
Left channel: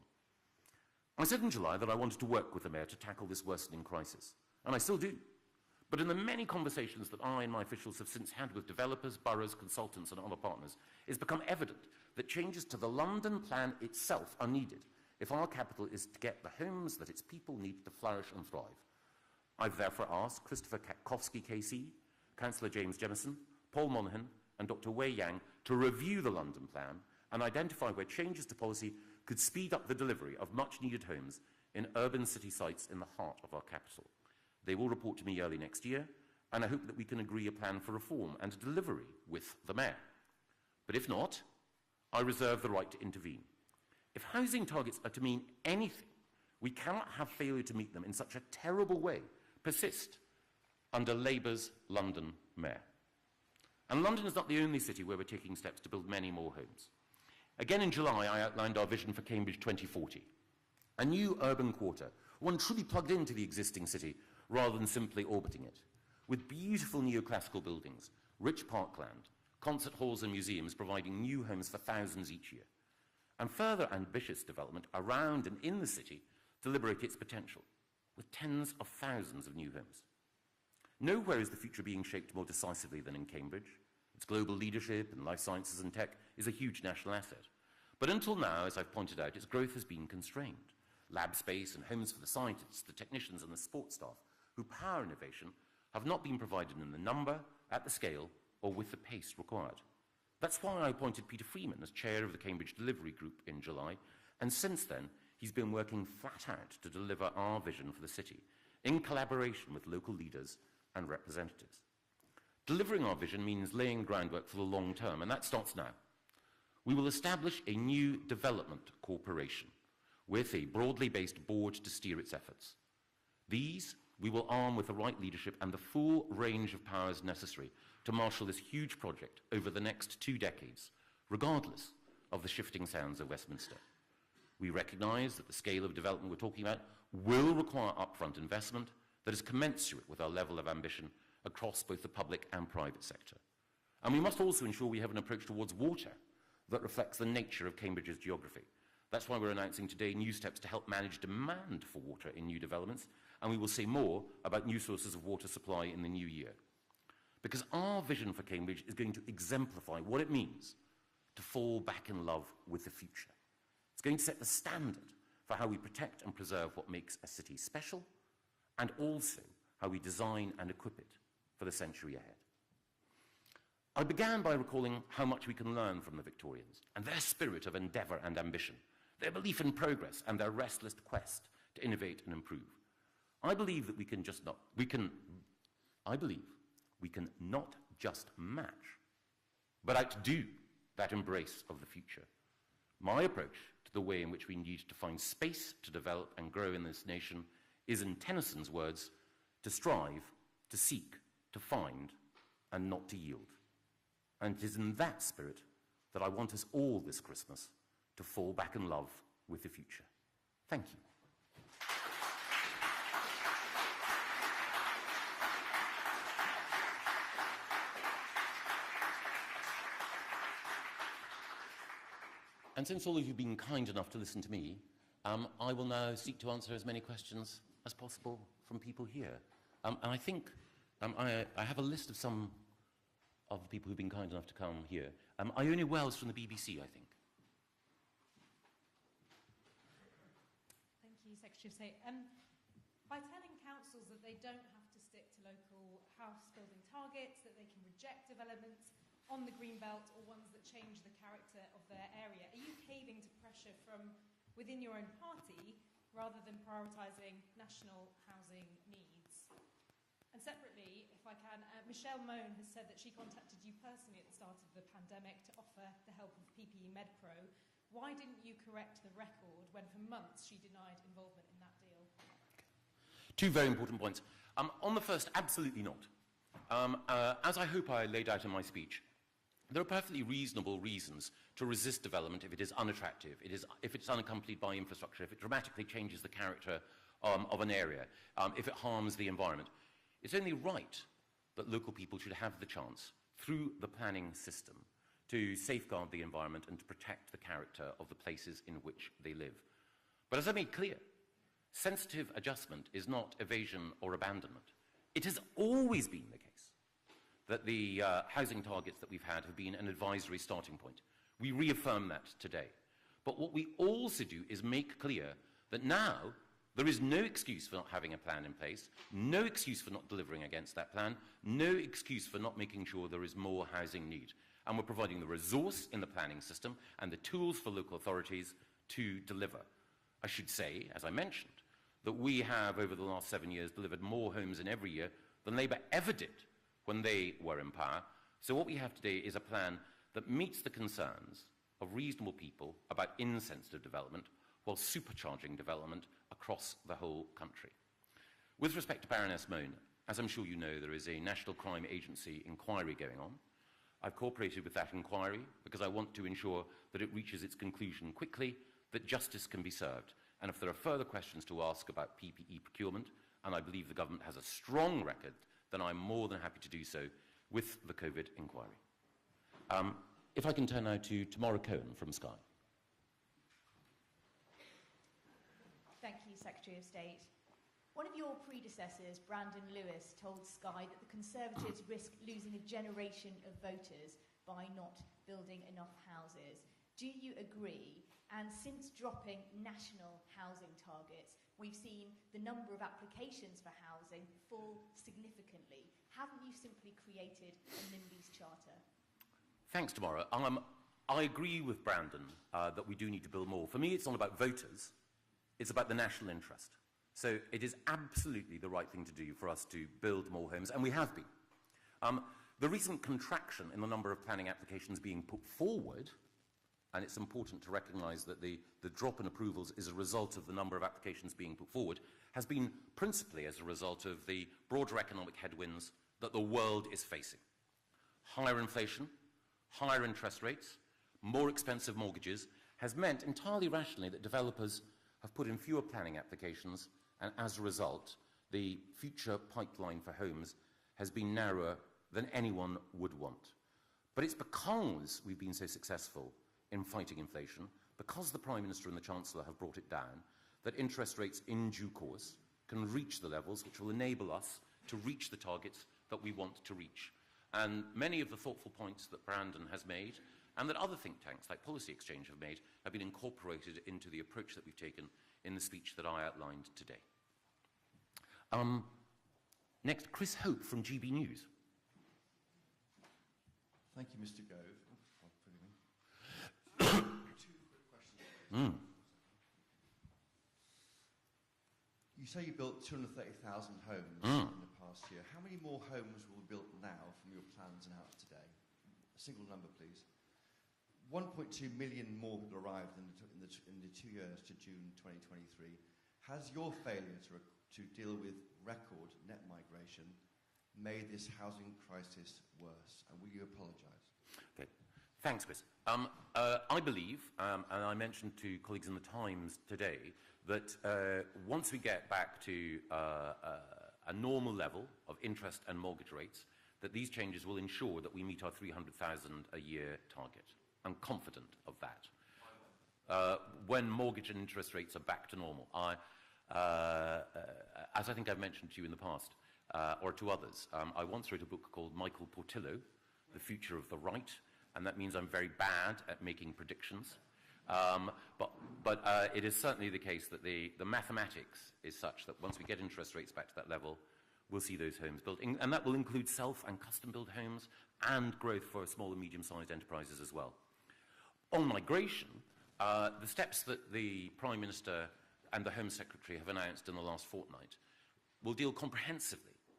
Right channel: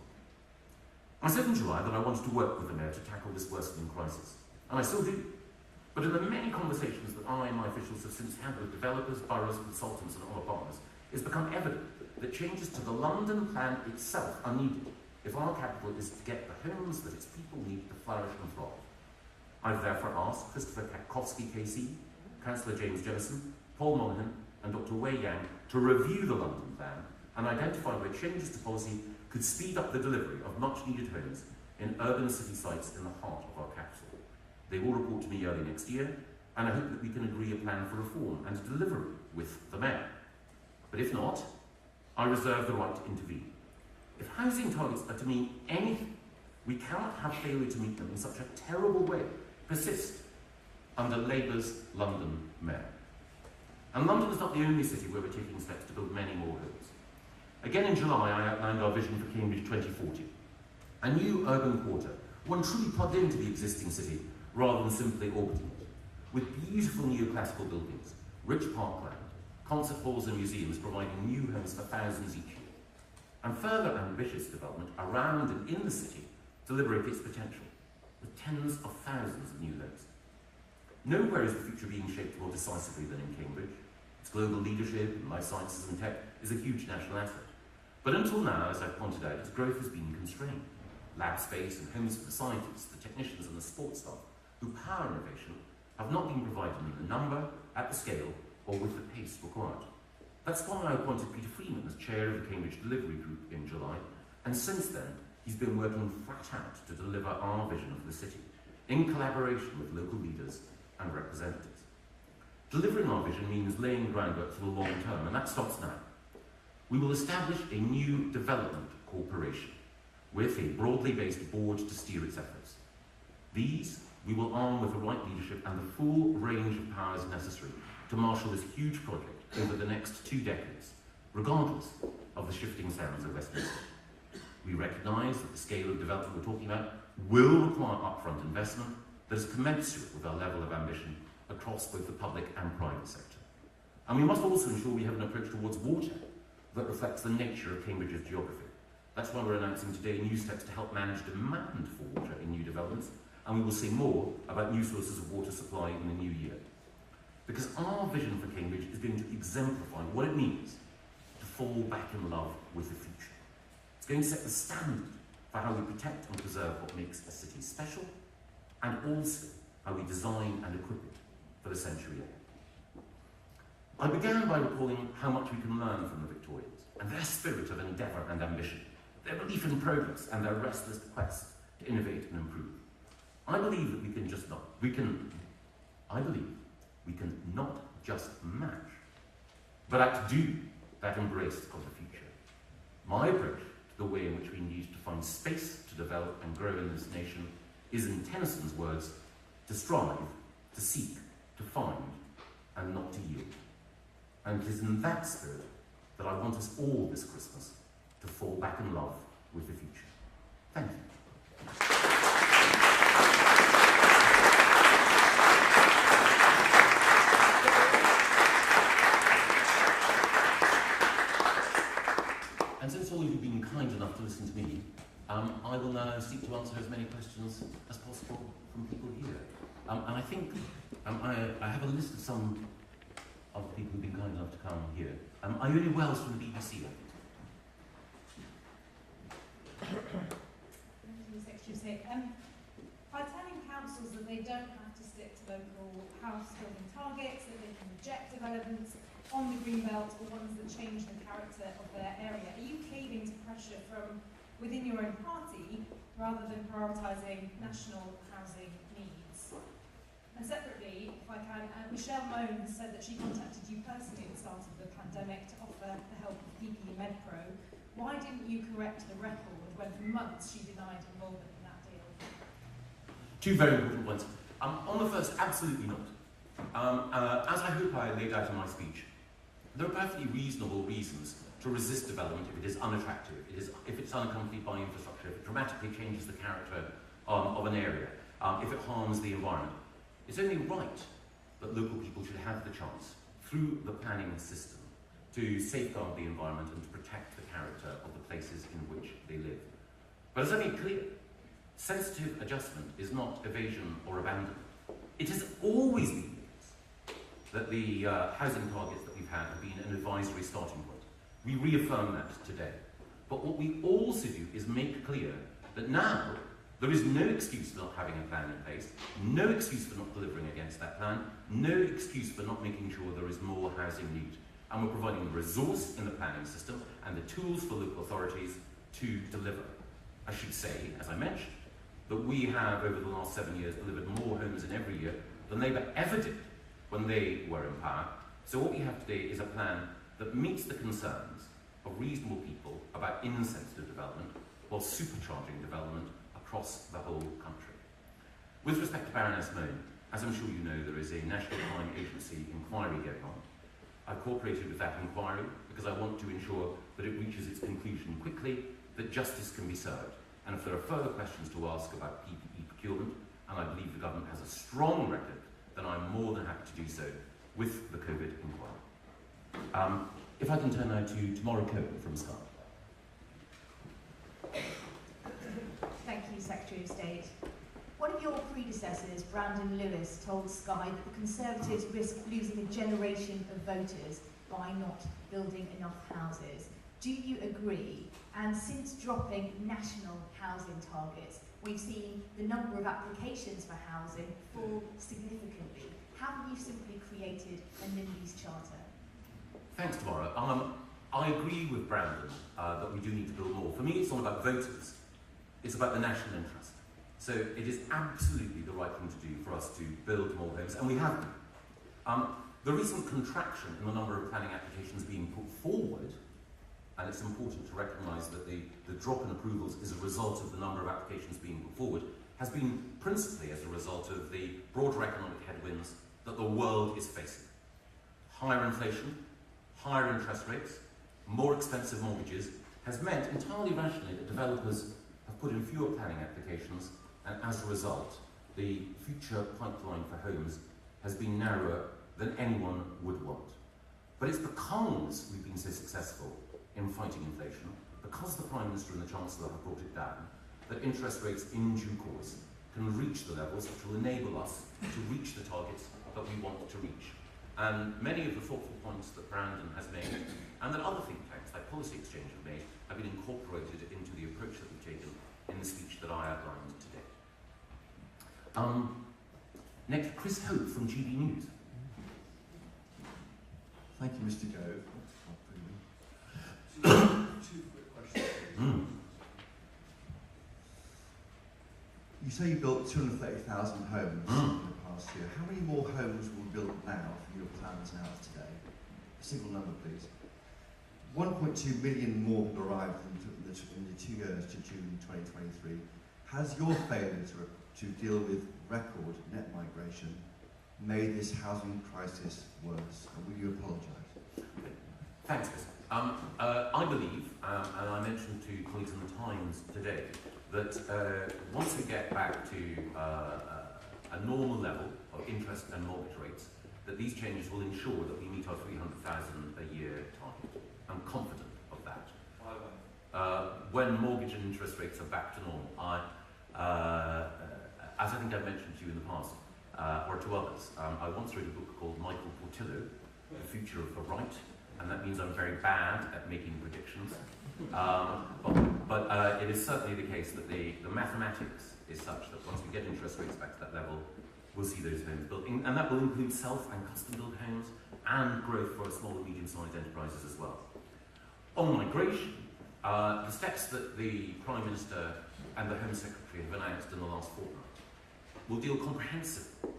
I said in July that I wanted to work with the Mayor to tackle this worsening crisis, and I still do. But in the many conversations that I and my officials have since had with developers, boroughs, consultants and other partners, it's become evident that changes to the London plan itself are needed if our capital is to get the homes that its people need to flourish and thrive. I've therefore asked Christopher Kakowski KC, Councillor James Jemison, Paul Monaghan and Dr Wei Yang to review the London plan and identify where changes to policy could speed up the delivery of much needed homes in urban city sites in the heart of our capital. They will report to me early next year, and I hope that we can agree a plan for reform and delivery with the Mayor. But if not, I reserve the right to intervene. If housing targets are to mean anything, we cannot have failure to meet them in such a terrible way persist under Labour's London Mayor. And London is not the only city where we're taking steps to build many more homes. Again in July, I outlined our vision for Cambridge 2040. A new urban quarter, one truly plugged into the existing city rather than simply orbiting it, with beautiful neoclassical buildings, rich parkland, concert halls and museums providing new homes for thousands each year, and further ambitious development around and in the city to liberate its potential, with tens of thousands of new homes. Nowhere is the future being shaped more decisively than in Cambridge. Its global leadership in life sciences and tech is a huge national asset. But until now, as I've pointed out, its growth has been constrained. Lab space and homes for the scientists, the technicians and the sports staff who power innovation have not been provided in the number, at the scale, or with the pace required. That's why I appointed Peter Freeman as chair of the Cambridge Delivery Group in July, and since then he's been working flat out to deliver our vision of the city, in collaboration with local leaders and representatives. Delivering our vision means laying groundwork for the long term, and that starts now. We will establish a new development corporation with a broadly based board to steer its efforts. These we will arm with the right leadership and the full range of powers necessary to marshal this huge project over the next 2 decades, regardless of the shifting sands of Westminster. We recognise that the scale of development we're talking about will require upfront investment that is commensurate with our level of ambition across both the public and private sector. And we must also ensure we have an approach towards water that reflects the nature of Cambridge's geography. That's why we're announcing today new steps to help manage demand for water in new developments, and we will see more about new sources of water supply in the new year. Because our vision for Cambridge is going to exemplify what it means to fall back in love with the future. It's going to set the standard for how we protect and preserve what makes a city special, and also how we design and equip it for the century ahead. I began by recalling how much we can learn from the Victorians and their spirit of endeavour and ambition, their belief in progress and their restless quest to innovate and improve. I believe that we can not just match, but outdo that embrace of the future. My approach to the way in which we need to find space to develop and grow in this nation is, in Tennyson's words, to strive, to seek, to find, and not to yield. And it is in that spirit that I want us all this Christmas to fall back in love with the future. Thank you. And since all of you have been kind enough to listen to me, I will now seek to answer as many questions as possible from people here. And I think I have a list of some of the people who've been kind enough to come here. Are you in Wales from the BBC? By telling councils that they don't have to stick to local house building targets, that they can reject developments on the green belt or ones that change the character of their area, are you caving to pressure from within your own party rather than prioritising national housing needs? And separately, if I can, Michelle Moan said that she contacted you personally at the start of the pandemic to offer the help of PPE MedPro. Why didn't you correct the record when for months she denied involvement in that deal? Two very important points. On the first, absolutely not. As I hope I laid out in my speech, there are perfectly reasonable reasons to resist development if it is unattractive, if it's unaccompanied by infrastructure, if it dramatically changes the character of an area, if it harms the environment. It's only right that local people should have the chance, through the planning system, to safeguard the environment and to protect the character of the places in which they live. But as I made clear, sensitive adjustment is not evasion or abandonment. It has always been the case that the housing targets that we've had have been an advisory starting point. We reaffirm that today. But what we also do is make clear that now there is no excuse for not having a plan in place, no excuse for not delivering against that plan, no excuse for not making sure there is more housing need. And we're providing the resource in the planning system and the tools for local authorities to deliver. I should say, as I mentioned, that we have over the last 7 years delivered more homes in every year than Labour ever did when they were in power. So what we have today is a plan that meets the concerns of reasonable people about insensitive development while supercharging development across the whole country. With respect to Baroness Moan, as I'm sure you know, there is a National Crime Agency inquiry going on. I've cooperated with that inquiry because I want to ensure that it reaches its conclusion quickly, that justice can be served. And if there are further questions to ask about PPE procurement, and I believe the government has a strong record, then I'm more than happy to do so with the COVID inquiry. If I can turn now to Tomorrow Code from Sky. Thank you, Secretary of State. One of your predecessors, Brandon Lewis, told Sky that the Conservatives risk losing a generation of voters by not building enough houses. Do you agree? And since dropping national housing targets, we've seen the number of applications for housing fall significantly. Have you simply created a NIMBY's charter? Thanks, Maura. I agree with Brandon that we do need to build more. For me, it's not about voters. It's about the national interest. So it is absolutely the right thing to do for us to build more homes, and we have been. The recent contraction in the number of planning applications being put forward, and it's important to recognise that the drop in approvals is a result of the number of applications being put forward, has been principally as a result of the broader economic headwinds that the world is facing. Higher inflation, higher interest rates, more expensive mortgages has meant entirely rationally that developers have put in fewer planning applications, and as a result, the future pipeline for homes has been narrower than anyone would want. But it's because we've been so successful in fighting inflation, because the Prime Minister and the Chancellor have brought it down, that interest rates in due course can reach the levels that will enable us to reach the targets that we want to reach. And many of the thoughtful points that Brandon has made, and that other think tanks like Policy Exchange have made, have been incorporated into the approach that we've taken in the speech that I outlined today. Next, Chris Hope from GB News. Thank you, Mr. Gove. Two quick questions. You say you built 230,000 homes in the past year. How many more homes will be built now from your plans now today? Single number, please. 1.2 million more have arrived in the 2 years to June 2023. Has your failure to deal with record net migration made this housing crisis worse? And will you apologise? Thanks, Chris. I believe, and I mentioned to colleagues in the Times today, that once we get back to a normal level of interest and mortgage rates, that these changes will ensure that we meet our 300,000 a year target. I'm confident of that. When mortgage and interest rates are back to normal, as I think I mentioned to you in the past, or to others, I once wrote a book called Michael Portillo, The Future of the Right, and that means I'm very bad at making predictions. But it is certainly the case that the mathematics is such that once we get interest rates back to that level, we'll see those homes built. And that will include self and custom-built homes and growth for small and medium-sized enterprises as well. On migration, the steps that the Prime Minister and the Home Secretary have announced in the last fortnight will deal comprehensively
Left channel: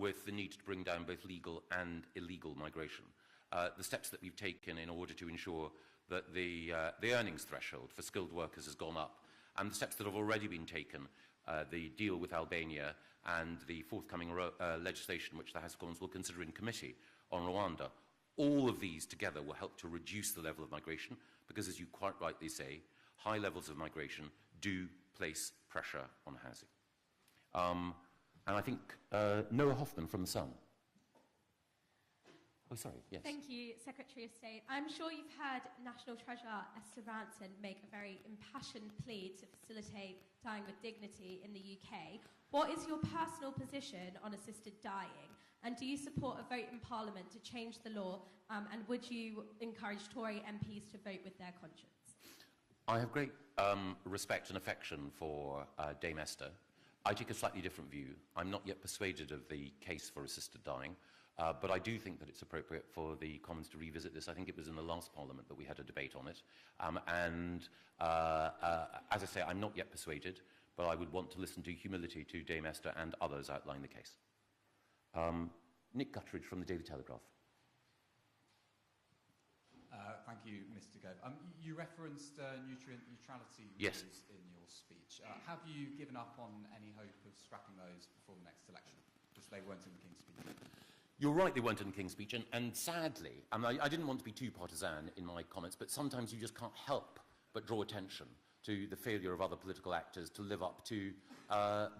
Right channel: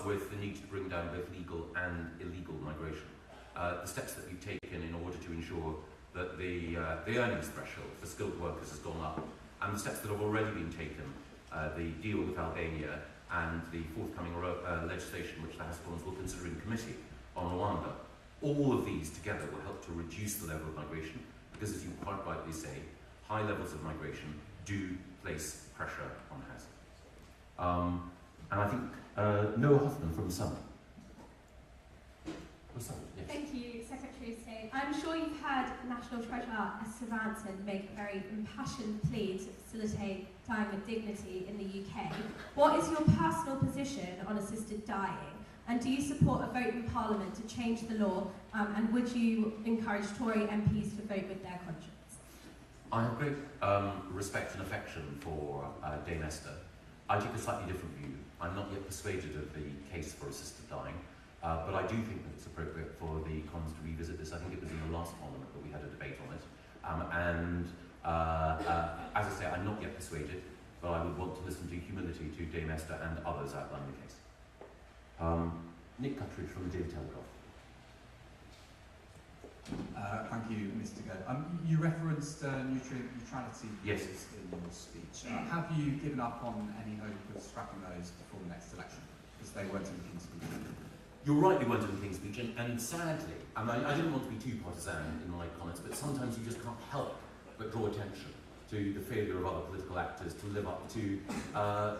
with the need to bring down both legal and illegal migration. The steps that we've taken in order to ensure that the earnings threshold for skilled workers has gone up, and the steps that have already been taken, the deal with Albania and the forthcoming legislation which the House of Commons will consider in committee on Rwanda, all of these together will help to reduce the level of migration, because as you quite rightly say, high levels of migration do place pressure on housing. And I think Noah Hoffman from Sun. Yes. Thank you, Secretary of State. I'm sure you've heard National Treasurer Esther Ranson make very impassioned pleas to facilitate dying with dignity in the UK. What is your personal position on assisted dying? And do you support a vote in Parliament to change the law? And would you encourage Tory MPs to vote with their conscience? I have great respect and affection for Dame Esther. I take a slightly different view. I'm not yet persuaded of the case for assisted dying, but I do think that it's appropriate for the Commons to revisit this. I think it was in the last Parliament that we had a debate on it. As I say, I'm not yet persuaded, but I would want to listen to humility to Dame Esther and others outline the case. Nick Guthrie from the Daily Telegraph. Thank you, Mr. Gove. You referenced neutrality Yes. in your speech. Have you given up on any hope of scrapping those before the next election? Because they weren't in the King's Speech. You're right, we weren't in the King's Speech, and sadly, I didn't want to be too partisan in my comments, but sometimes you just can't help but draw attention to the failure of other political actors to live up to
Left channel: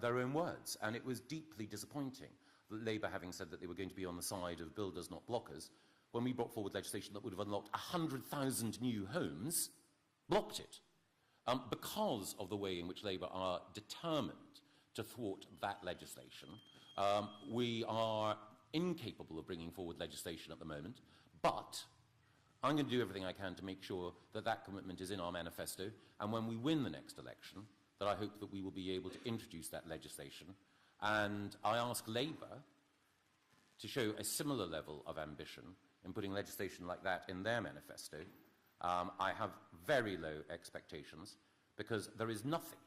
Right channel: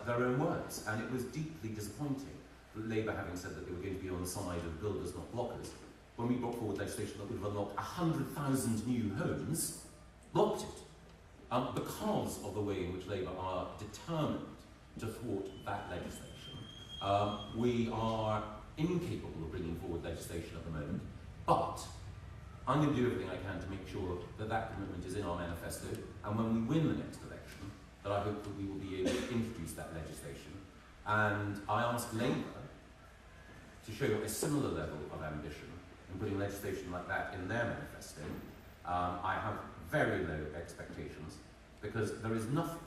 their own words. And it was deeply disappointing that Labour, having said that they were going to be on the side of builders, not blockers, when we brought forward legislation that would have unlocked 100,000 new homes, blocked it. Because of the way in which Labour are determined to thwart that legislation. We are incapable of bringing forward legislation at the moment, but I'm going to do everything I can to make sure that that commitment is in our manifesto, and when we win the next election, that I hope that we will be able to introduce that legislation. And I ask Labour to show a similar level of ambition in putting legislation like that in their manifesto. I have very low expectations, because there is nothing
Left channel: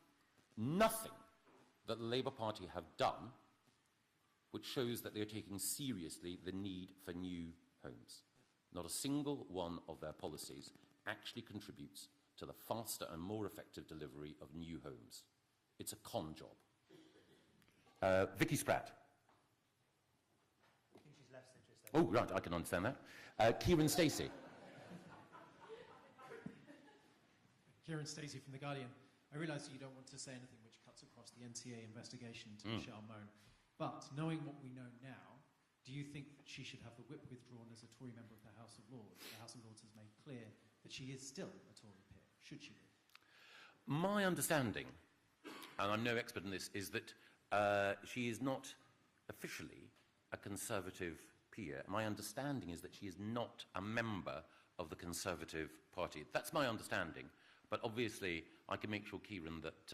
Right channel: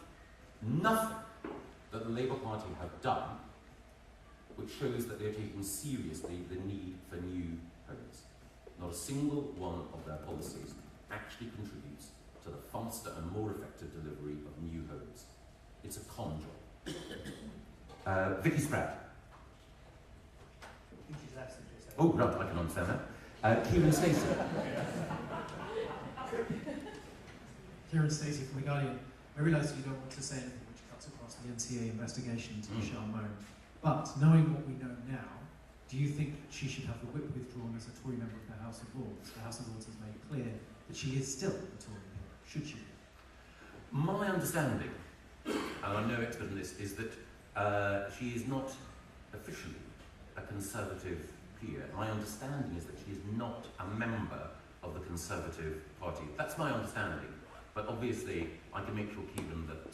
that the Labour Party have done which which shows that they are taking seriously the need for new homes. Not a single one of their policies actually contributes to the faster and more effective delivery of new homes. It's a common job. Vicky Spratt. Oh, right, I can understand that. Kieran Stacey. Kieran Stacey from The Guardian. I realise you don't want to say anything which cuts across the NCA investigation to Michelle Moan, but knowing what we know now, do you think that she should have the whip withdrawn as a Tory member of the House of Lords? The House of Lords has made clear that she is still a Tory member. Should she? My understanding, and I'm no expert in this, is that she is not officially a Conservative peer. My understanding is that she is not a member of the Conservative Party. That's my understanding. But obviously, I can make sure, Keegan, that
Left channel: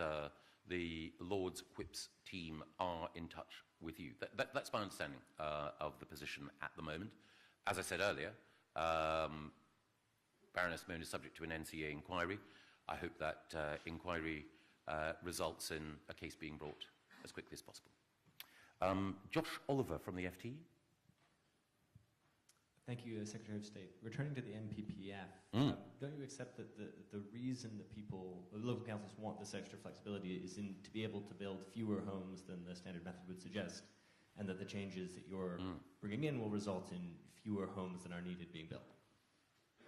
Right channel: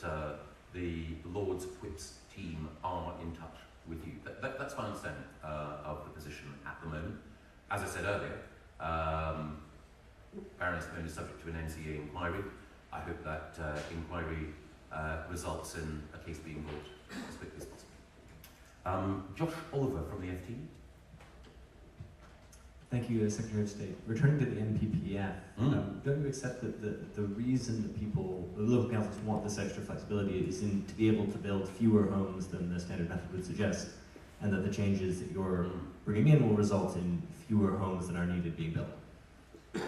the Lord's Whips team are in touch with you. That's my understanding of the position at the moment. As I said earlier, Baroness Moan is subject to an NCA inquiry. I hope that inquiry results in a case being brought as quickly as possible. Josh Oliver from the FT. Thank you, Secretary of State. Returning to the NPPF, don't we accept that the reason that people, the local councils want this extra flexibility is to be able to build fewer homes than the standard method would suggest, and that the changes that you're bringing in will result in fewer homes than are needed being built?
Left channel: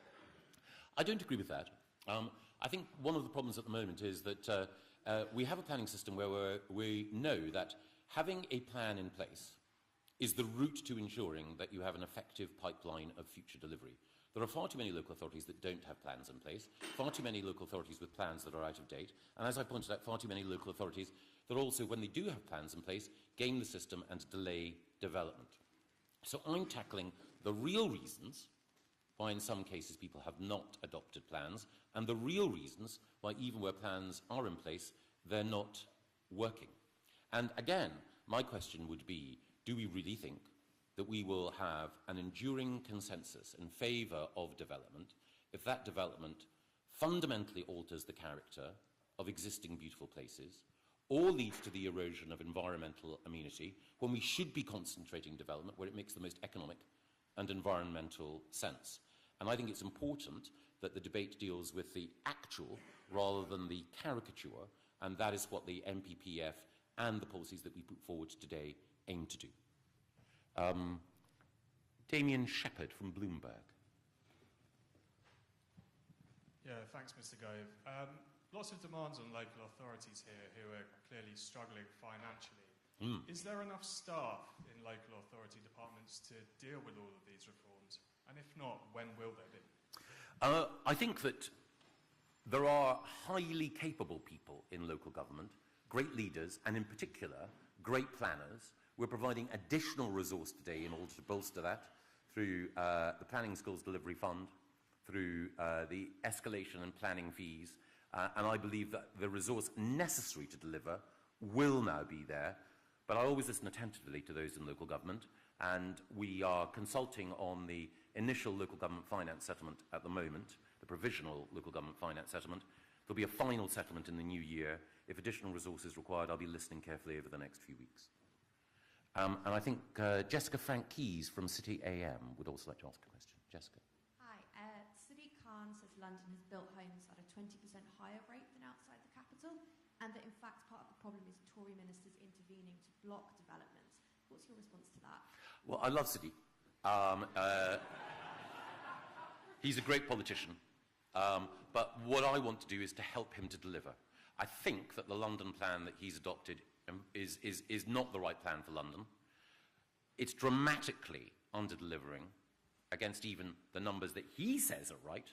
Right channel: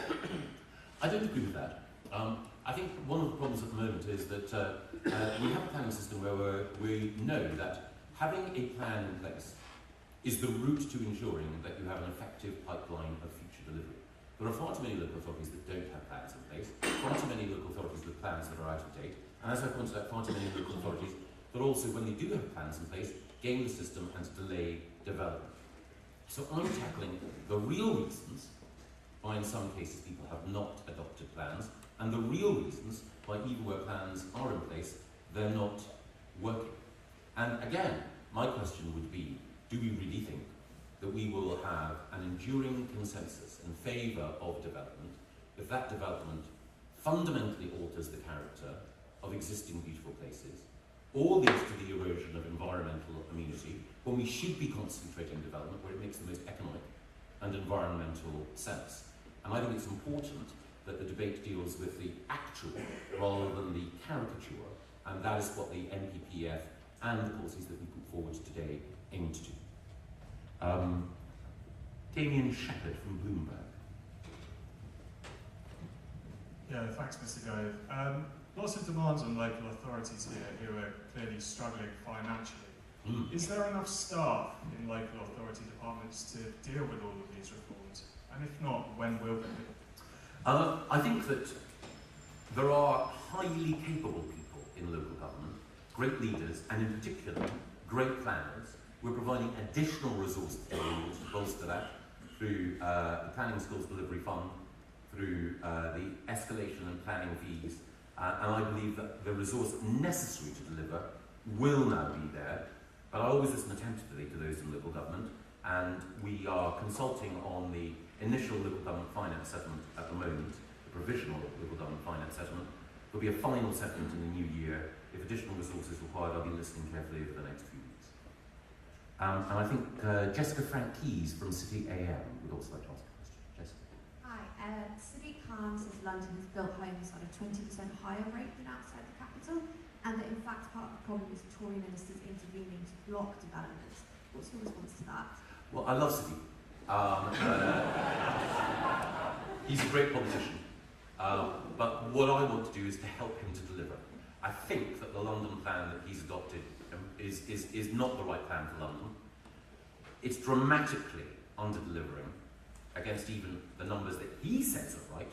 I don't agree with that. I think one of the problems at the moment is that we have a planning system where we know that having a plan in place is the route to ensuring that you have an effective pipeline of future delivery. There are far too many local authorities that don't have plans in place, far too many local authorities with plans that are out of date, and as I pointed out, far too many local authorities that also, when they do have plans in place, game the system and delay development. So I'm tackling the real reasons why in some cases people have not adopted plans, and the real reasons why even where plans are in place, they're not working. And again, my question would be, do we really think that we will have an enduring consensus in favour of development if that development fundamentally alters the character of existing beautiful places, or leads to the erosion of environmental immunity, where we should be concentrating development where it makes the most economic and environmental sense? And I think it's important that the debate deals with the actual rather than the caricature, and that is what the NPPF and the policies that we put forward today aim to do. Damien Shepherd from Bloomberg. Yeah, thanks, Mr. Gove. Lots of demands on local authorities here who are clearly struggling financially. Is there enough staff in local authority departments to deal with all of these reforms? And if not, when will there be? I think that there are highly capable people in local government, great leaders, and in particular, great planners. We're providing additional resources today to bolster that through the Planning Skills Delivery Fund, through the escalation and planning fees, and I believe that the resource necessary to deliver will now be there, but I always listen attentively to those in local government, and we are consulting on the initial local government finance settlement at the moment, the provisional local government finance settlement. There'll be a final settlement in the new year. If additional resources are required, I'll be listening carefully over the next few weeks. And I think Jessica Frank Keys from City AM would also like to ask a question. Jessica. Hi. City Khan says London has built homes at a 20% higher rate than outside the capital, and that in fact part of the problem is Tory ministers intervening to block developments. What's your response to that? Well, I love City. He's a great politician, but what I want to do is to help him to deliver. I think that the London plan that he's adopted is not the right plan for London. It's dramatically under-delivering against even the numbers that he says are right,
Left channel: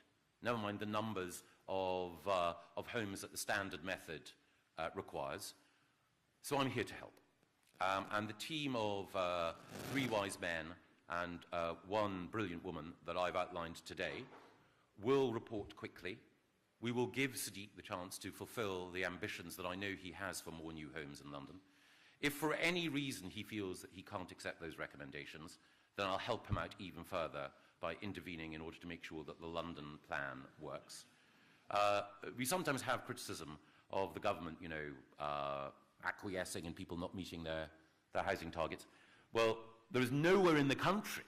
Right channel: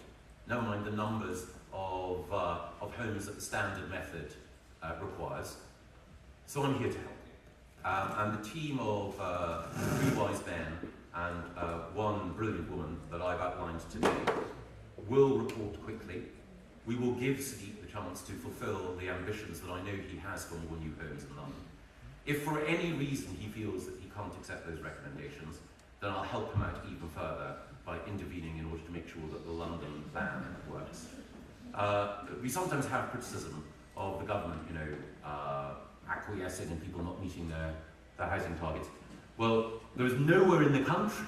never mind the numbers of homes that the standard method requires. So I'm here to help. And the team of three wise men and one brilliant woman that I've outlined today will report quickly. We will give Steve the chance to fulfil the ambitions that I know he has for more new homes in London. If for any reason he feels that he can't accept those recommendations, then I'll help him out even further by intervening in order to make sure that the London plan works. We sometimes have criticism of the government, acquiescing and people not meeting their housing targets. Well, there is nowhere in the country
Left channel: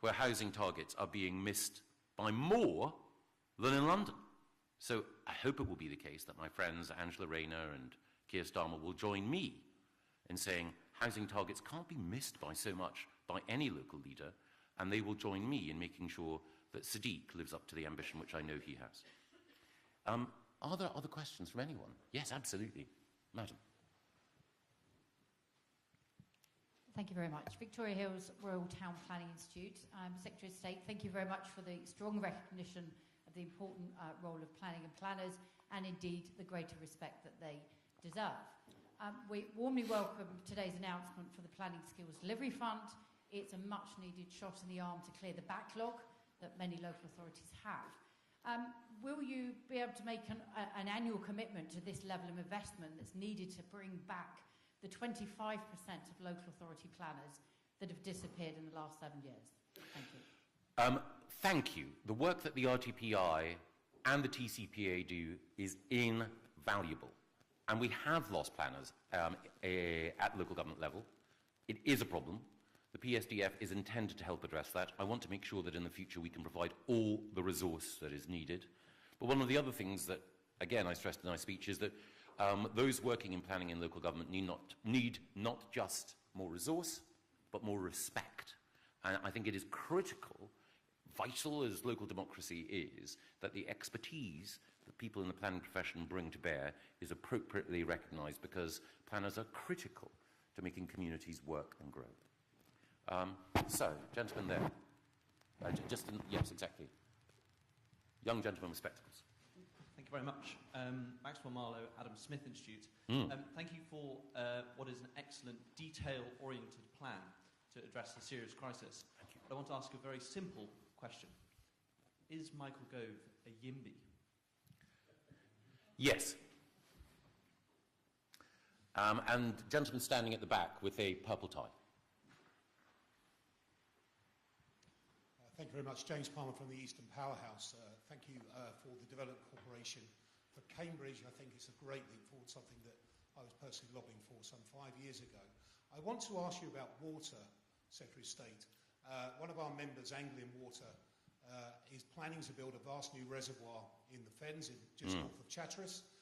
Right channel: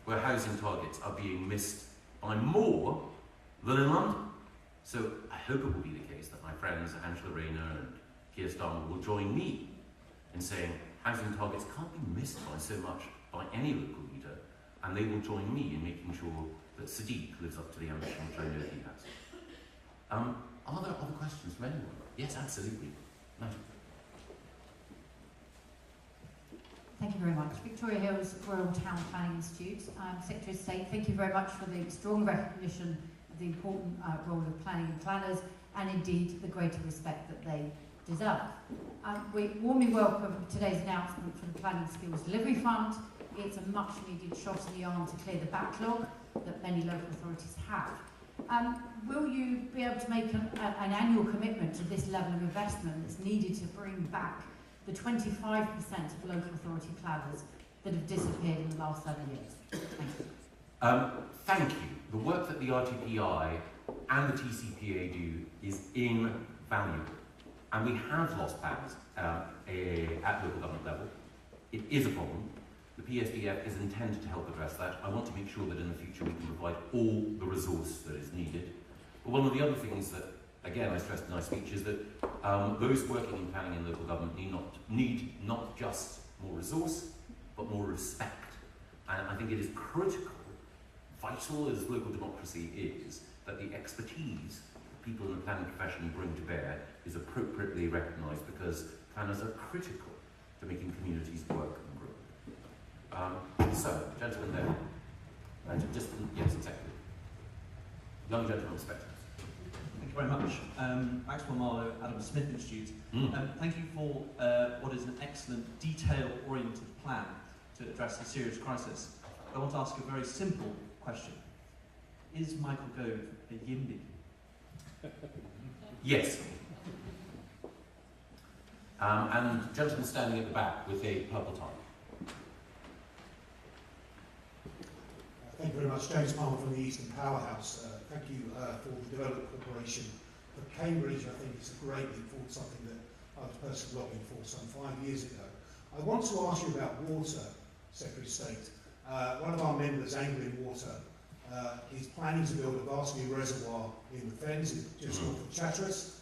where housing targets are being missed by more than in London. So I hope it will be the case that my friends Angela Rayner and Keir Starmer will join me in saying housing targets can't be missed by so much by any local leader, and they will join me in making sure that Sadiq lives up to the ambition which I know he has. Are there other questions from anyone? Yes, absolutely. Madam. Thank you very much. Victoria Hills, Royal Town Planning Institute. Secretary of State, thank you very much for the strong recognition of the important role of planning and planners, and indeed the greater respect that they deserve. We warmly welcome today's announcement from the Planning Skills Delivery Fund. It's a much needed shot in the arm to clear the backlog that many local authorities have. Will you be able to make an annual commitment to this level of investment that's needed to bring back the 25% of local authority planners that have disappeared in the last 7 years? Thank you. The work that the RDPI and the TCPA do is invaluable. And we have lost plans at local government level. It is a problem. The PSDF is intended to help address that. I want to make sure that in the future we can provide all the resource that is needed. But one of the other things that, again, I stressed in my speech is that those working in planning and local government need not just more resource, but more respect. And I think it is critical, vital as local democracy is, that the expertise people in the planning profession bring to bear is appropriately recognised, because planners are critical to making communities work and grow. So, gentlemen there, and just, yes, exactly. Young gentlemen, spectators. Thank you very much. Axel Marlowe, Adam Smith Institute. Thank you for what is an excellent, detail-oriented plan to address the serious crisis. But I want to ask a very simple question. Is Michael Gove a Yimby? Yes. And the gentleman standing at the back with a purple tie. Thank you very much. James Palmer from the Eastern Powerhouse. Thank you for the Development Corporation for Cambridge. I think it's a great leap forward, something that I was personally lobbying for some 5 years ago. I want to ask you about water, Secretary of State. One of our members, Anglian Water, is planning to build a vast new reservoir in the Fens, just north of Chatteris.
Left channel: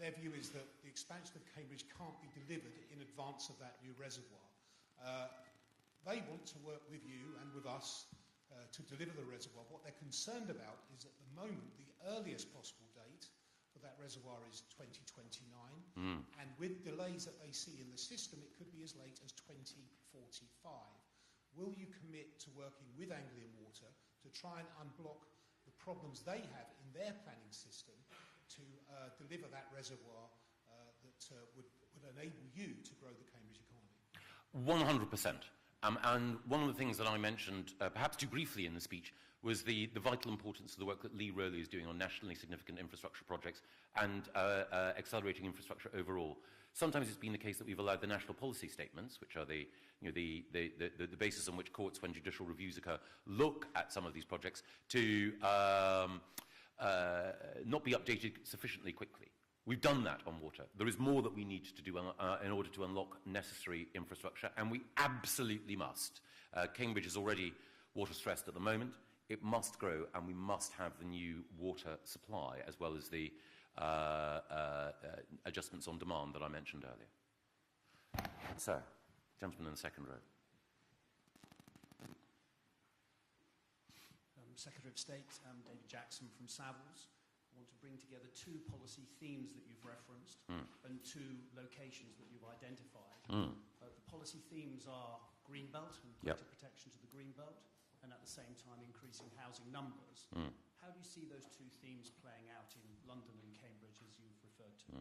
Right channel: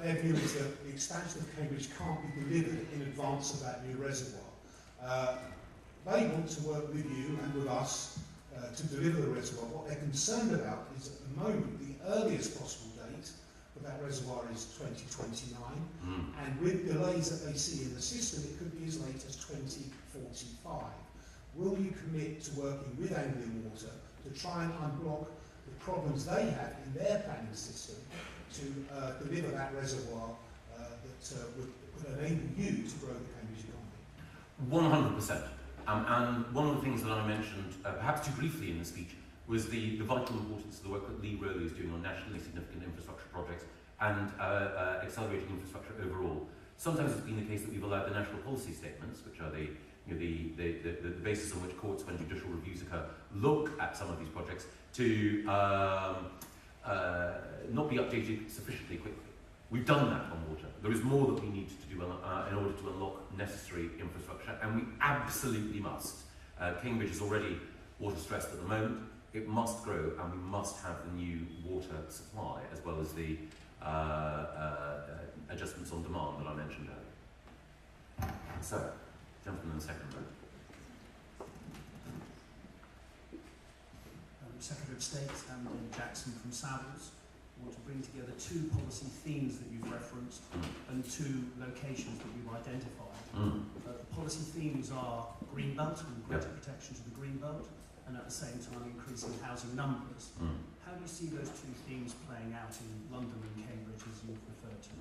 Their view is that the expansion of Cambridge can't be delivered in advance of that new reservoir. They want to work with you and with us to deliver the reservoir. What they're concerned about is at the moment the earliest possible date for that reservoir is 2029, and with delays that they see in the system, it could be as late as 2045. Will you commit to working with Anglian Water to try and unblock the problems they have in their planning system to deliver that reservoir that would enable you to grow the Cambridge economy? 100%. And one of the things that I mentioned, perhaps too briefly in the speech, was the vital importance of the work that Lee Rowe is doing on nationally significant infrastructure projects and accelerating infrastructure overall. Sometimes it's been the case that we've allowed the national policy statements, which are the basis on which courts, when judicial reviews occur, look at some of these projects to not be updated sufficiently quickly. We've done that on water. There is more that we need to do in order to unlock necessary infrastructure, and we absolutely must. Cambridge is already water stressed at the moment. It must grow, and we must have the new water supply, as well as the adjustments on demand that I mentioned earlier. So, gentleman in the second row. Secretary of State Andy Jackson from Savills. I want to bring together two policy themes that you've referenced and two locations that you've identified. The policy themes are Greenbelt and greater protection to the Greenbelt, and at the same time increasing housing numbers. How do you see those two themes playing out in London and Cambridge, as you've referred to?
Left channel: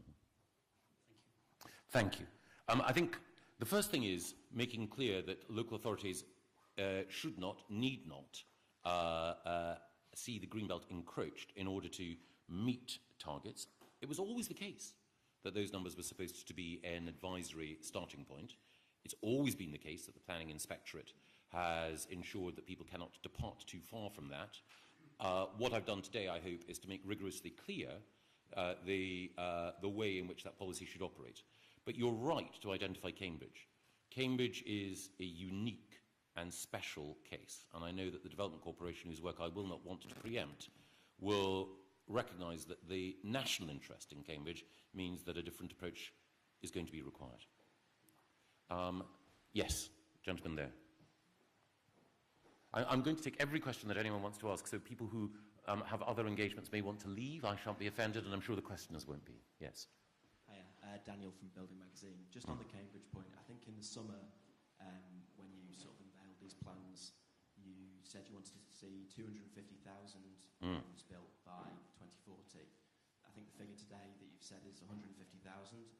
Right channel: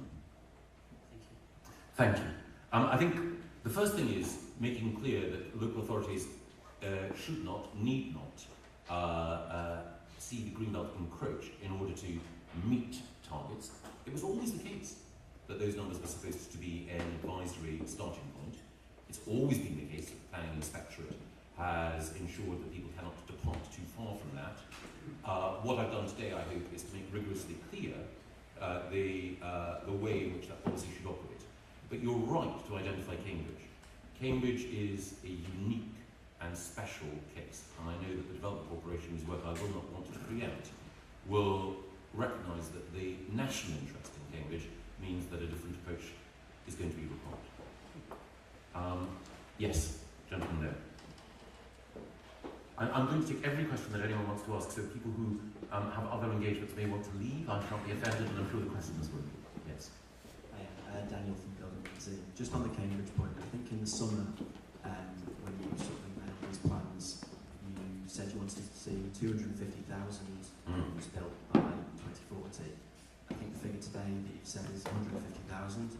Thank you. I think the first thing is making clear that local authorities should not, need not, see the Greenbelt encroach in order to meet targets. It was always the case that those numbers were supposed to be an advisory starting point. It's always been the case that the Planning Inspectorate has ensured that people cannot depart too far from that. What I've done today, I hope, is to make rigorously clear the way in which that policy should operate. But you're right to identify Cambridge. Cambridge is a unique and special case, and I know that the Development Corporation, whose work I will not want to preempt, will recognise that the national interest in Cambridge means that a different approach is going to be required. Yes, gentlemen there. I'm going to take every question that anyone wants to ask, so people who have other engagements may want to leave, I can't be offended, and I'm sure the questions will be. Yes. Daniel from Gove. Just on the Cambridge point, I think in the summer, when you sort of made these plans, you said you wanted to see 250,000 homes built by 2040. I think the figure today that you said is 150,000.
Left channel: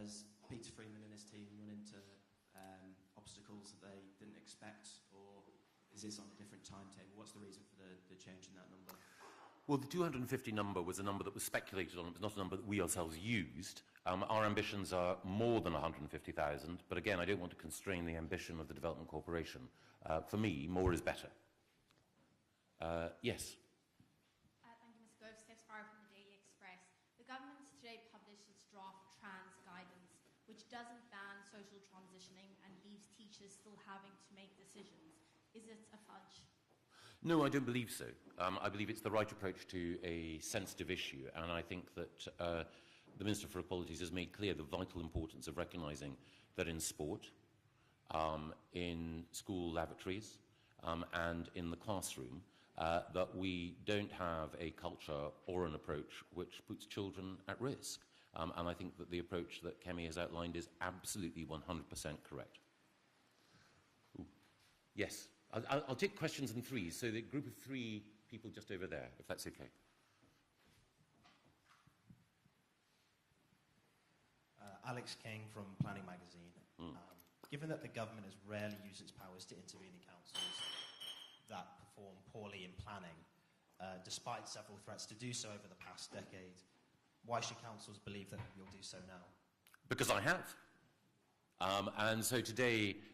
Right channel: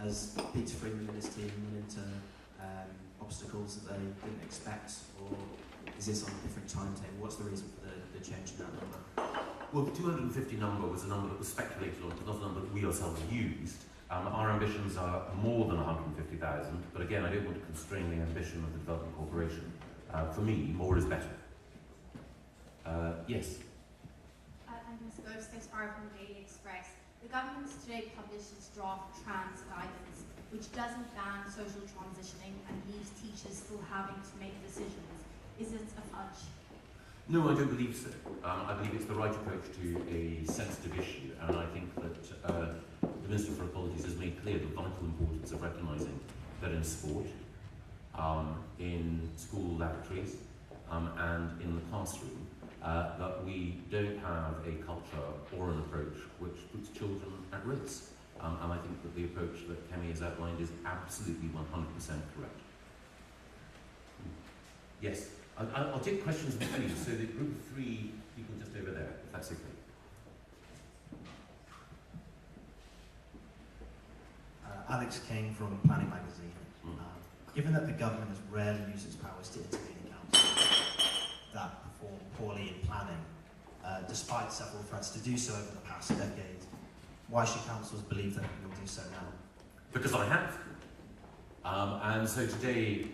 Has Peter Freeman and his team run into obstacles that they didn't expect, or is this on a different timetable? What's the reason for the change in that number? Well, the 250 number was a number that was speculated on, it's not a number that we ourselves used. Our ambitions are more than 150,000, but again, I don't want to constrain the ambition of the Development Corporation. For me, more is better. Yes? I'm Ms. Gove, from the Daily Express. The government today published its draft trans guidance, which doesn't ban social transitioning and leaves teachers still having to make decisions. Is it a fudge? No, I don't believe so. I believe it's the right approach to a sensitive issue, and I think that the Minister for Equalities has made clear the vital importance of recognising that in sport, in school laboratories, and in the classroom, that we don't have a culture or an approach which puts children at risk. And I think that the approach that Kemi has outlined is absolutely 100% correct. Yes? I'll take questions in three, so the group of three people just over there, if that's okay. Alex King from Planning Magazine. Given that the government has rarely used its powers to intervene in councils that perform poorly in planning, despite several threats to do so over the past decade, why should councils believe that it will do so now? Because I have. And so today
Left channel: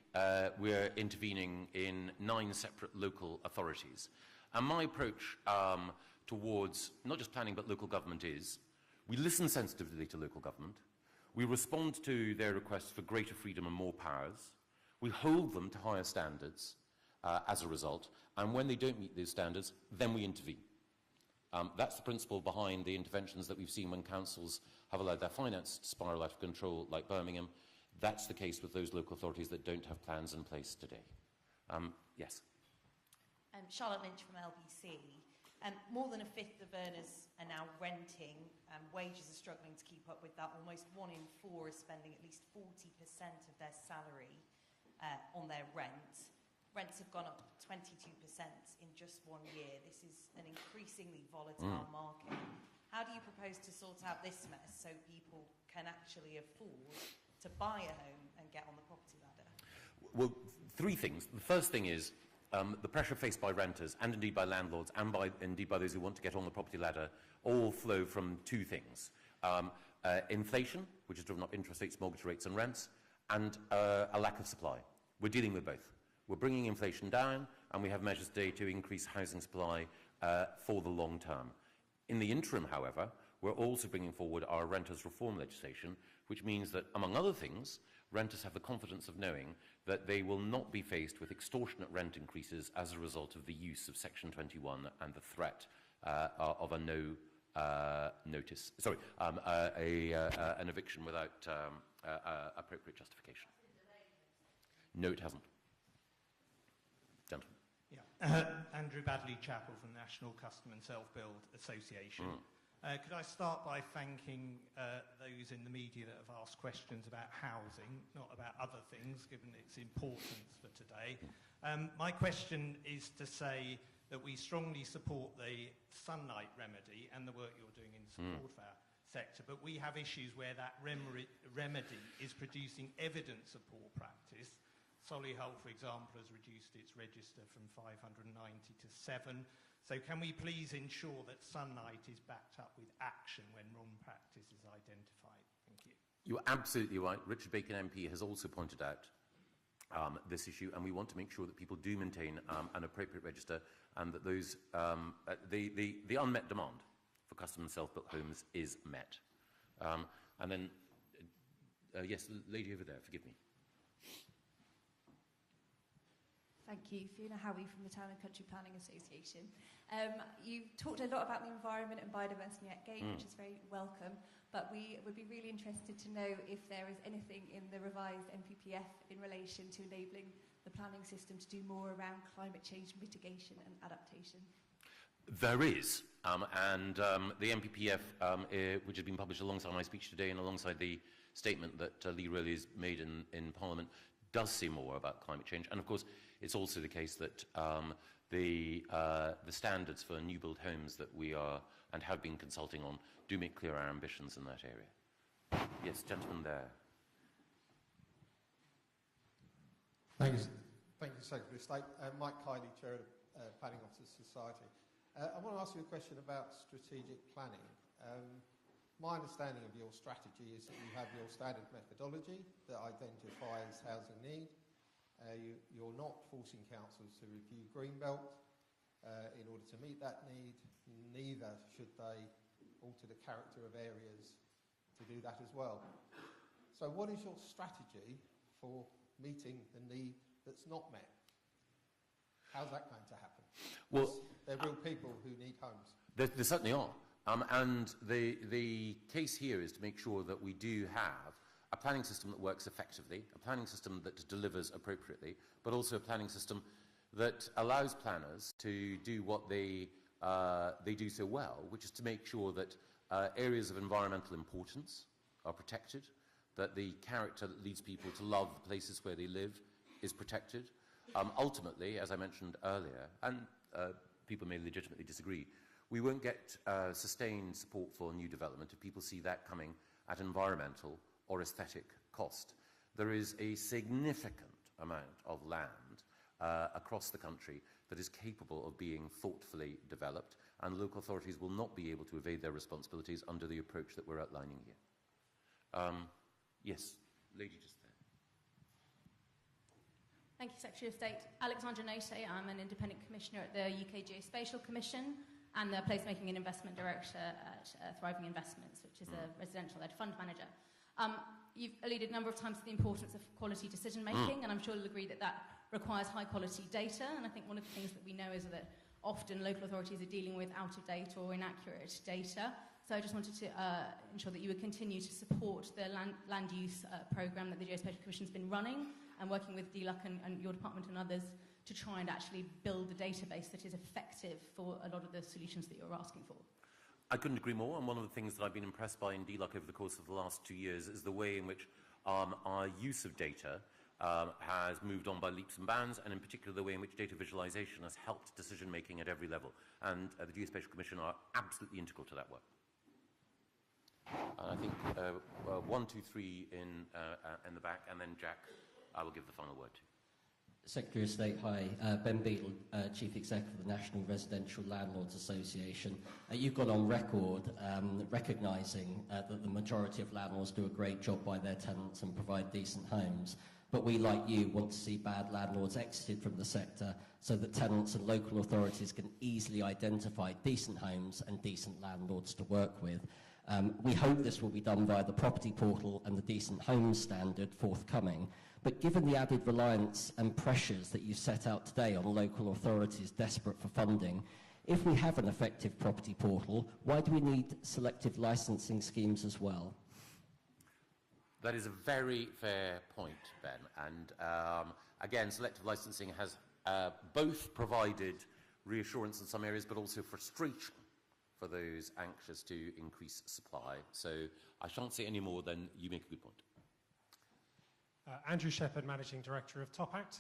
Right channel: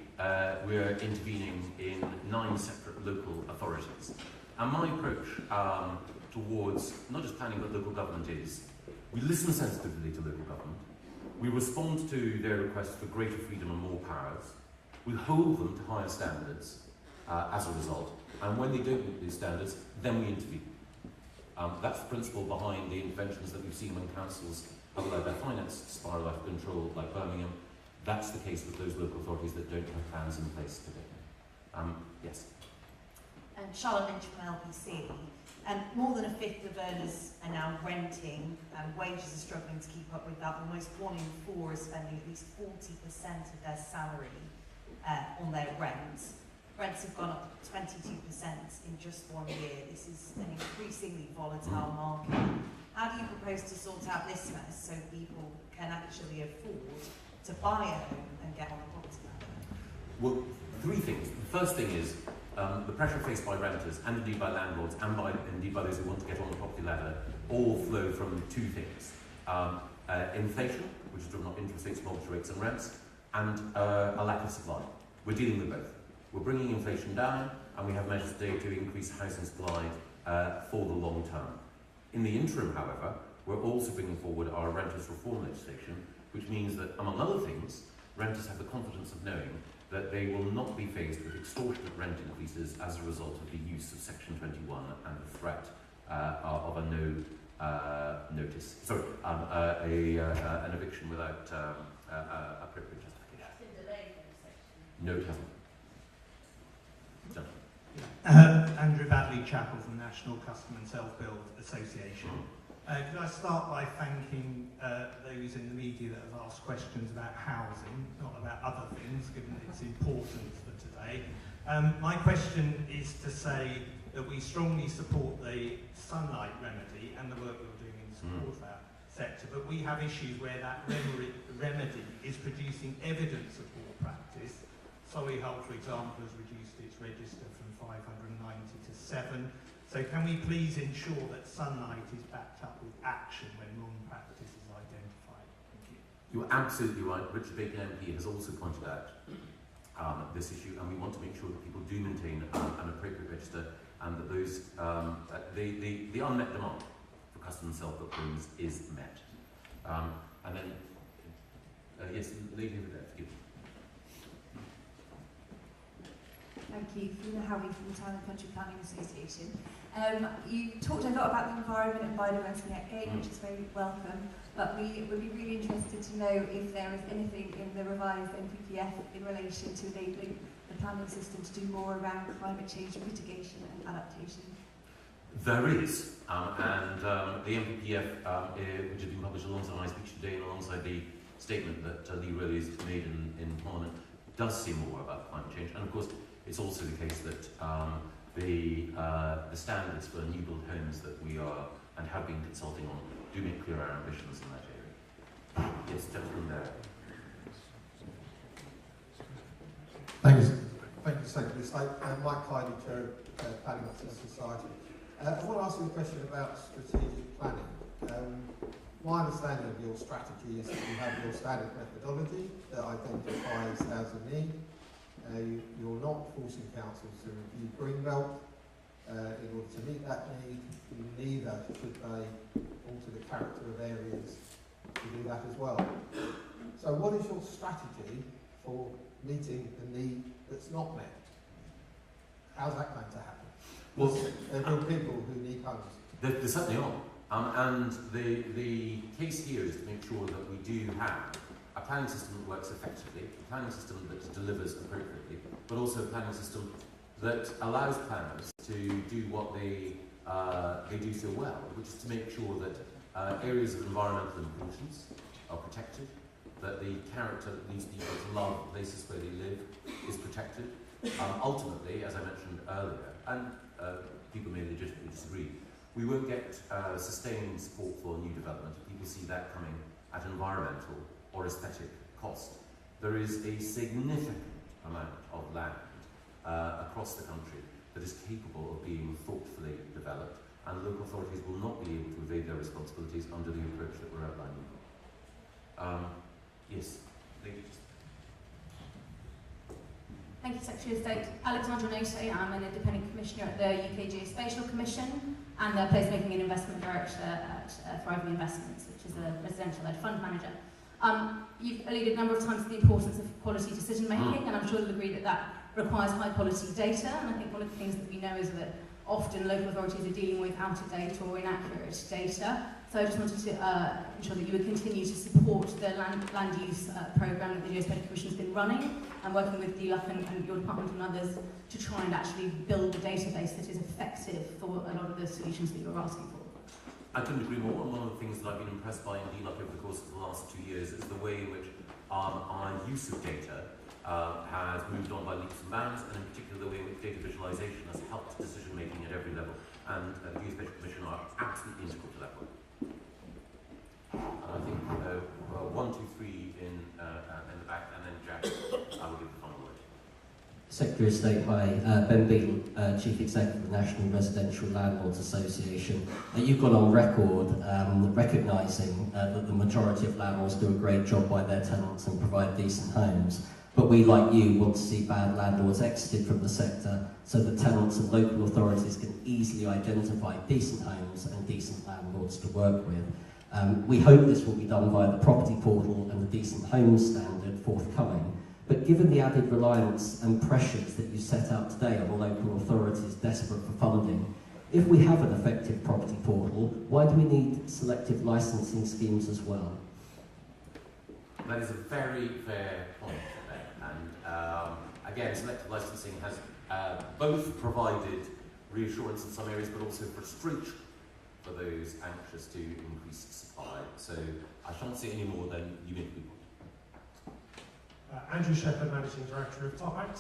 we're intervening in 9 separate local authorities. And my approach towards not just planning but local government is we listen sensitively to local government, we respond to their requests for greater freedom and more powers, we hold them to higher standards as a result, and when they don't meet these standards, then we intervene. That's the principle behind the interventions that we've seen when councils have allowed their finance spiral out of control, like Birmingham. That's the case with those local authorities that don't have plans in place today. Yes. Charlotte Inch from LPC. More than a fifth of earners are now renting, and wages are struggling to keep up with that. Almost 1 in 4 is spending at least 40% of their salary on their rent. Rents have gone up 22% in just 1 year. This is an increasingly volatile market. How do you propose to sort out this mess so people can actually afford to buy a home and get on the property ladder? Well, 3 things. The first thing is the pressure faced by renters and indeed by landlords and indeed by those who want to get on the property ladder all flow from 2 things. Inflation, which is driven up interest rates, mortgage rates and rents, and a lack of supply. We're dealing with both. We're bringing inflation down, and we have measures today to increase housing supply for the long term. In the interim, however, we're also bringing forward our renters reform legislation, which means that, among other things, renters have the confidence of knowing that they will not be faced with extortionate rent increases as a result of the use of Section 21 and the threat of a notice. Sorry, an eviction without appropriate justification. That's been delayed in section. No, it hasn't. No. Andrew Badley-Chappell from National Custom and Self-Build Association. Could I start by thanking those in the media that have asked questions about housing, not about other things, given its importance for today. My question is to say that we strongly support the sunlight remedy and the work you're doing in support of that sector, but we have issues where that remedy is producing evidence of poor practice. Solihull, for example, has reduced its register from 590 to 7. So can we please ensure that sunlight is backed up with action when wrong practice is identified? Thank you. You're absolutely right. Richard Bacon MP has also pointed out this issue, and we want to make sure that people do maintain an appropriate register, and that those the unmet demand for custom and self-built homes is met. And then, yes, the lady in there. Thank you. Fiona Howley from the Town and Country Planning Association. You talked a lot about the environment and biodiversity again, which is very welcome, but we would be really interested to know if there is anything in the revised NPPF in relation to enabling the planning system to do more around climate change mitigation and adaptation. There is, and the NPPF, which has been published alongside my speech today and alongside the statement that Lee Rowley has made in Parliament, does say more about climate change. And of course, it's also the case that the standards for new build homes that we are and have been consulting on do make clear our ambitions in that area. Yes, gentlemen there. Thank you, Secretary. Mike Hyde, Chair of Planning Society. I want to ask you a question about strategic planning. My understanding of your strategy is that you have your standard methodology that identifies housing need. You're not forcing councils to review Greenbelt in order to meet that need. You neither should they alter the character of areas to do that as well. So what is your strategy for meeting the need that's not met? How's that going to happen? Well, there are real people who need homes. There certainly are. And the case here is to make sure that we do have a planning system that works effectively, a planning system that delivers appropriately, but also a planning system that allows planners to do what they do so well, which is to make sure that areas of environmental importance are protected, that the character that these people love, the places where they live, is protected. Ultimately, as I mentioned earlier, and people may legitimately disagree, we won't get sustained support for new development. People see that coming at environmental or aesthetic cost. There is a significant amount of land across the country that is capable of being thoughtfully developed, and local authorities will not be able to evade their responsibilities under the approach that we're outlining. Yes, please. Thank you, Secretary of State. Alexandra Noto, I'm an independent commissioner at the UK Geospatial Commission and a placemaking and investment director at Thriving Investments, which is a residential-led fund manager. You've alluded a number of times to the importance of quality decision-making, and I'm sure you'll agree that that requires high-quality data, and I think one of the things that we know is that often local authorities are dealing with out-of-date or inaccurate data. So I just wanted to ensure that you would continue to support the land use programme that the Geospatial Commission has been running, and working with DLUC and your department and others to try and actually build a database that is effective for a lot of the solutions that you're asking for. I couldn't agree more. One of the things that I've been impressed by in DLUC over the course of the last 2 years is the way in which our use of data has moved on by leaps and bounds, and in particular the way in which data visualization has helped decision making at every level. And the Geospatial Commission are absolutely integral to that goal. I think 1, 2, 3 in the back, and then Jack will give the final word. Secretary of State, hi. Ben Beale, Chief Executive of the National Residential Landlords Association. You've gone on record recognising that the majority of landlords do a great job by their tenants and provide decent homes. But we, like you, want to see bad landlords exited from the sector so the tenants and local authorities can easily identify decent homes and decent landlords to work with. We hope this will be done by the property portal and the decent homes standard forthcoming. But given the added reliance and pressures that you set out today on local authorities desperate for funding, if we have an effective property portal, why do we need selective licensing schemes as well? That is a very fair point. Again, selective licensing has both provided reassurance in some areas, but also frustration for those anxious to increase supply. So I can't say any more than you may be. Andrew Shepherd, Managing Director of Top Act.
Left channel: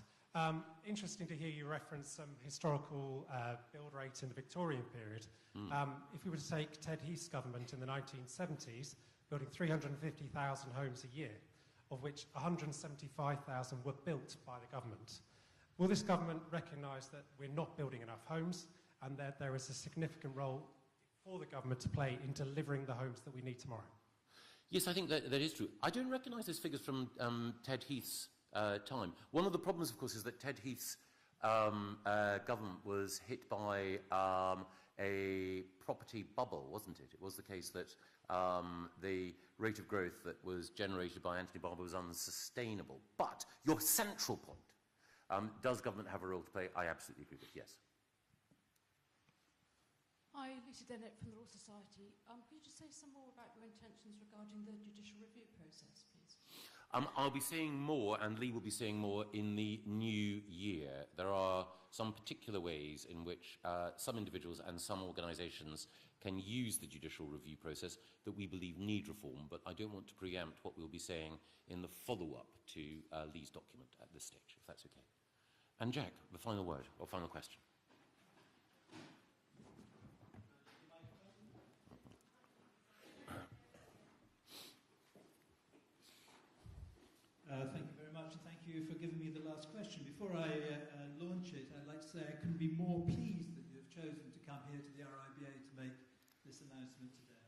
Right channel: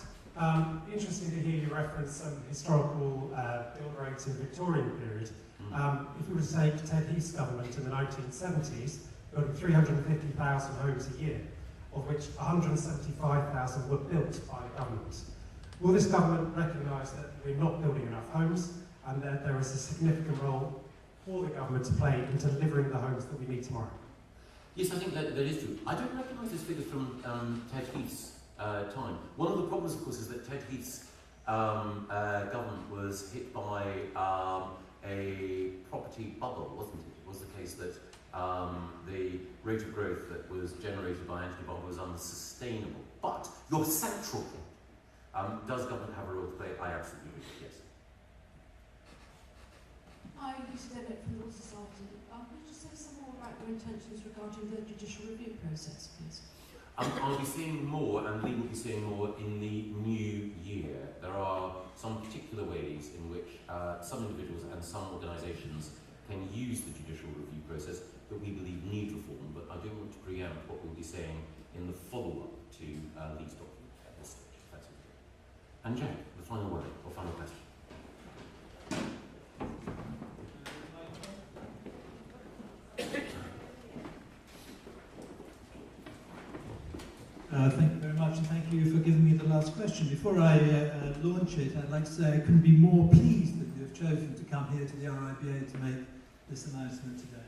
Interesting to hear you reference some historical build rates in the Victorian period. If we were to say Ted Heath's government in the 1970s, building 350,000 homes a year, of which 175,000 were built by the government. Will this government recognise that we're not building enough homes and that there is a significant role for the government to play in delivering the homes that we need tomorrow? Yes, I think that is true. I don't recognise this figure from Ted Heath's time. One of the problems, of course, is that Ted Heath's government was hit by a property bubble, wasn't it? It was the case that the rate of growth that was generated by anti-bomb was unsustainable. But your central point Does government have a role to play? I absolutely do, yes. I used to edit from the Law Society. Could you say some more about your intentions regarding the judicial review process, please? I'll be seeing more, and Lee will be seeing more in the new year. There are some particular ways in which some individuals and some organisations can use the judicial review process that we believe need reform, but I don't want to preempt what we'll be saying in the follow-up to Lee's document at this stage, if that's okay. And Jack, the final word, or final question. Thank you very much, and thank you for giving me the last question. Before I launch it, I'd like to say I couldn't be more pleased that you have chosen to come here to the RIBA to make this announcement today.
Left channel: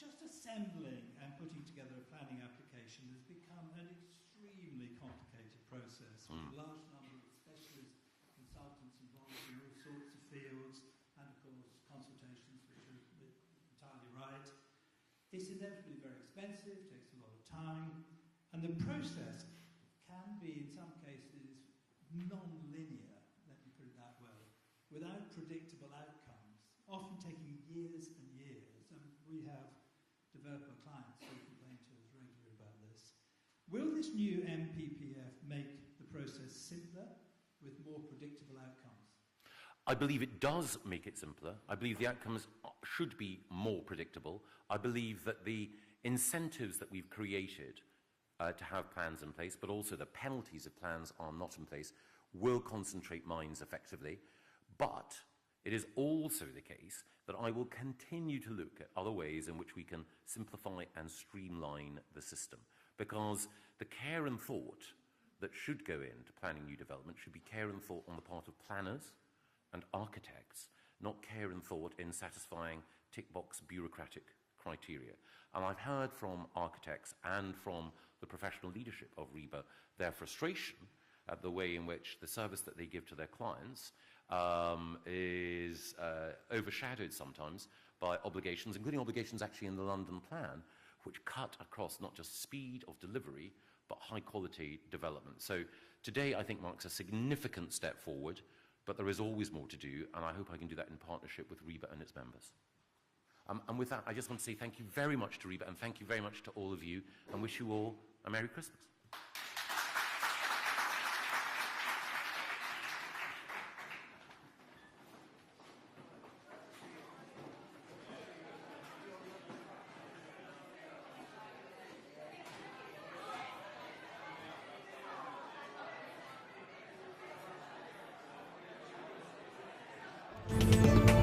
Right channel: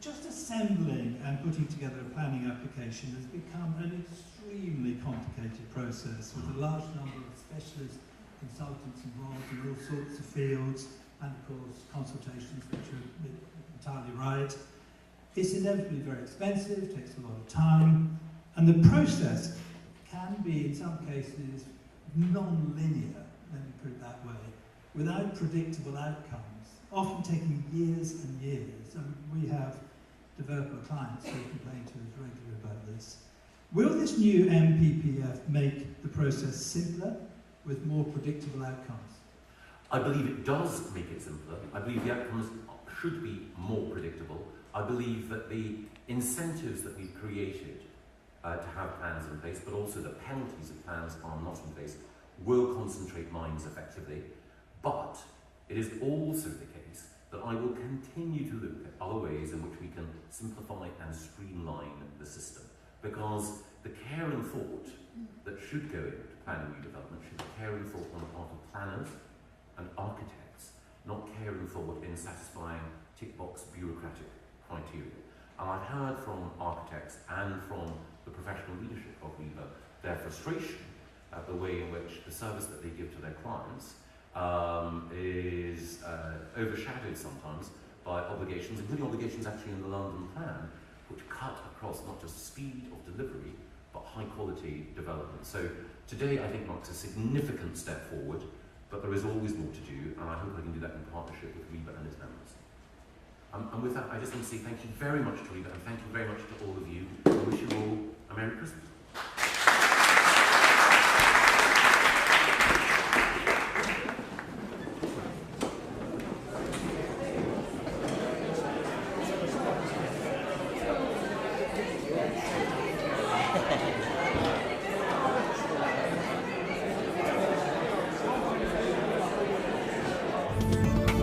Just assembling and putting together a planning application has become an extremely complicated process with a large number of specialist consultants involved in all sorts of fields, and of course consultations, which are entirely right. It's inevitably very expensive, takes a lot of time, and the process can be, in some cases, non-linear, let me put it that way, without predictable outcomes, often taking years and years. And we have developer clients who complain to us regularly about this. Will this new MPPF make the process simpler with more predictable outcomes? I believe it does make it simpler. I believe the outcomes should be more predictable. I believe that the incentives that we've created to have plans in place, but also the penalties if plans are not in place, will concentrate minds effectively. But it is also the case that I will continue to look at other ways in which we can simplify and streamline the system. Because the care and thought that should go into planning redevelopment should be care and thought on the part of planners and architects, not care and thought in satisfying tick-box bureaucratic criteria. And I heard from architects and from the professional leadership of RIBA their frustration at the way in which the service that they give to their clients is overshadowed sometimes by obligations, including obligations actually in the London plan, which cut across not just speed of delivery, but high quality development. So today I think marks a significant step forward, but there is always more to do, and I hope we can do that in partnership with RIBA and its members. And with that, I just want to say thank you very much to RIBA, and thank you very much to all of you. I wish you all a Merry Christmas. Thank you.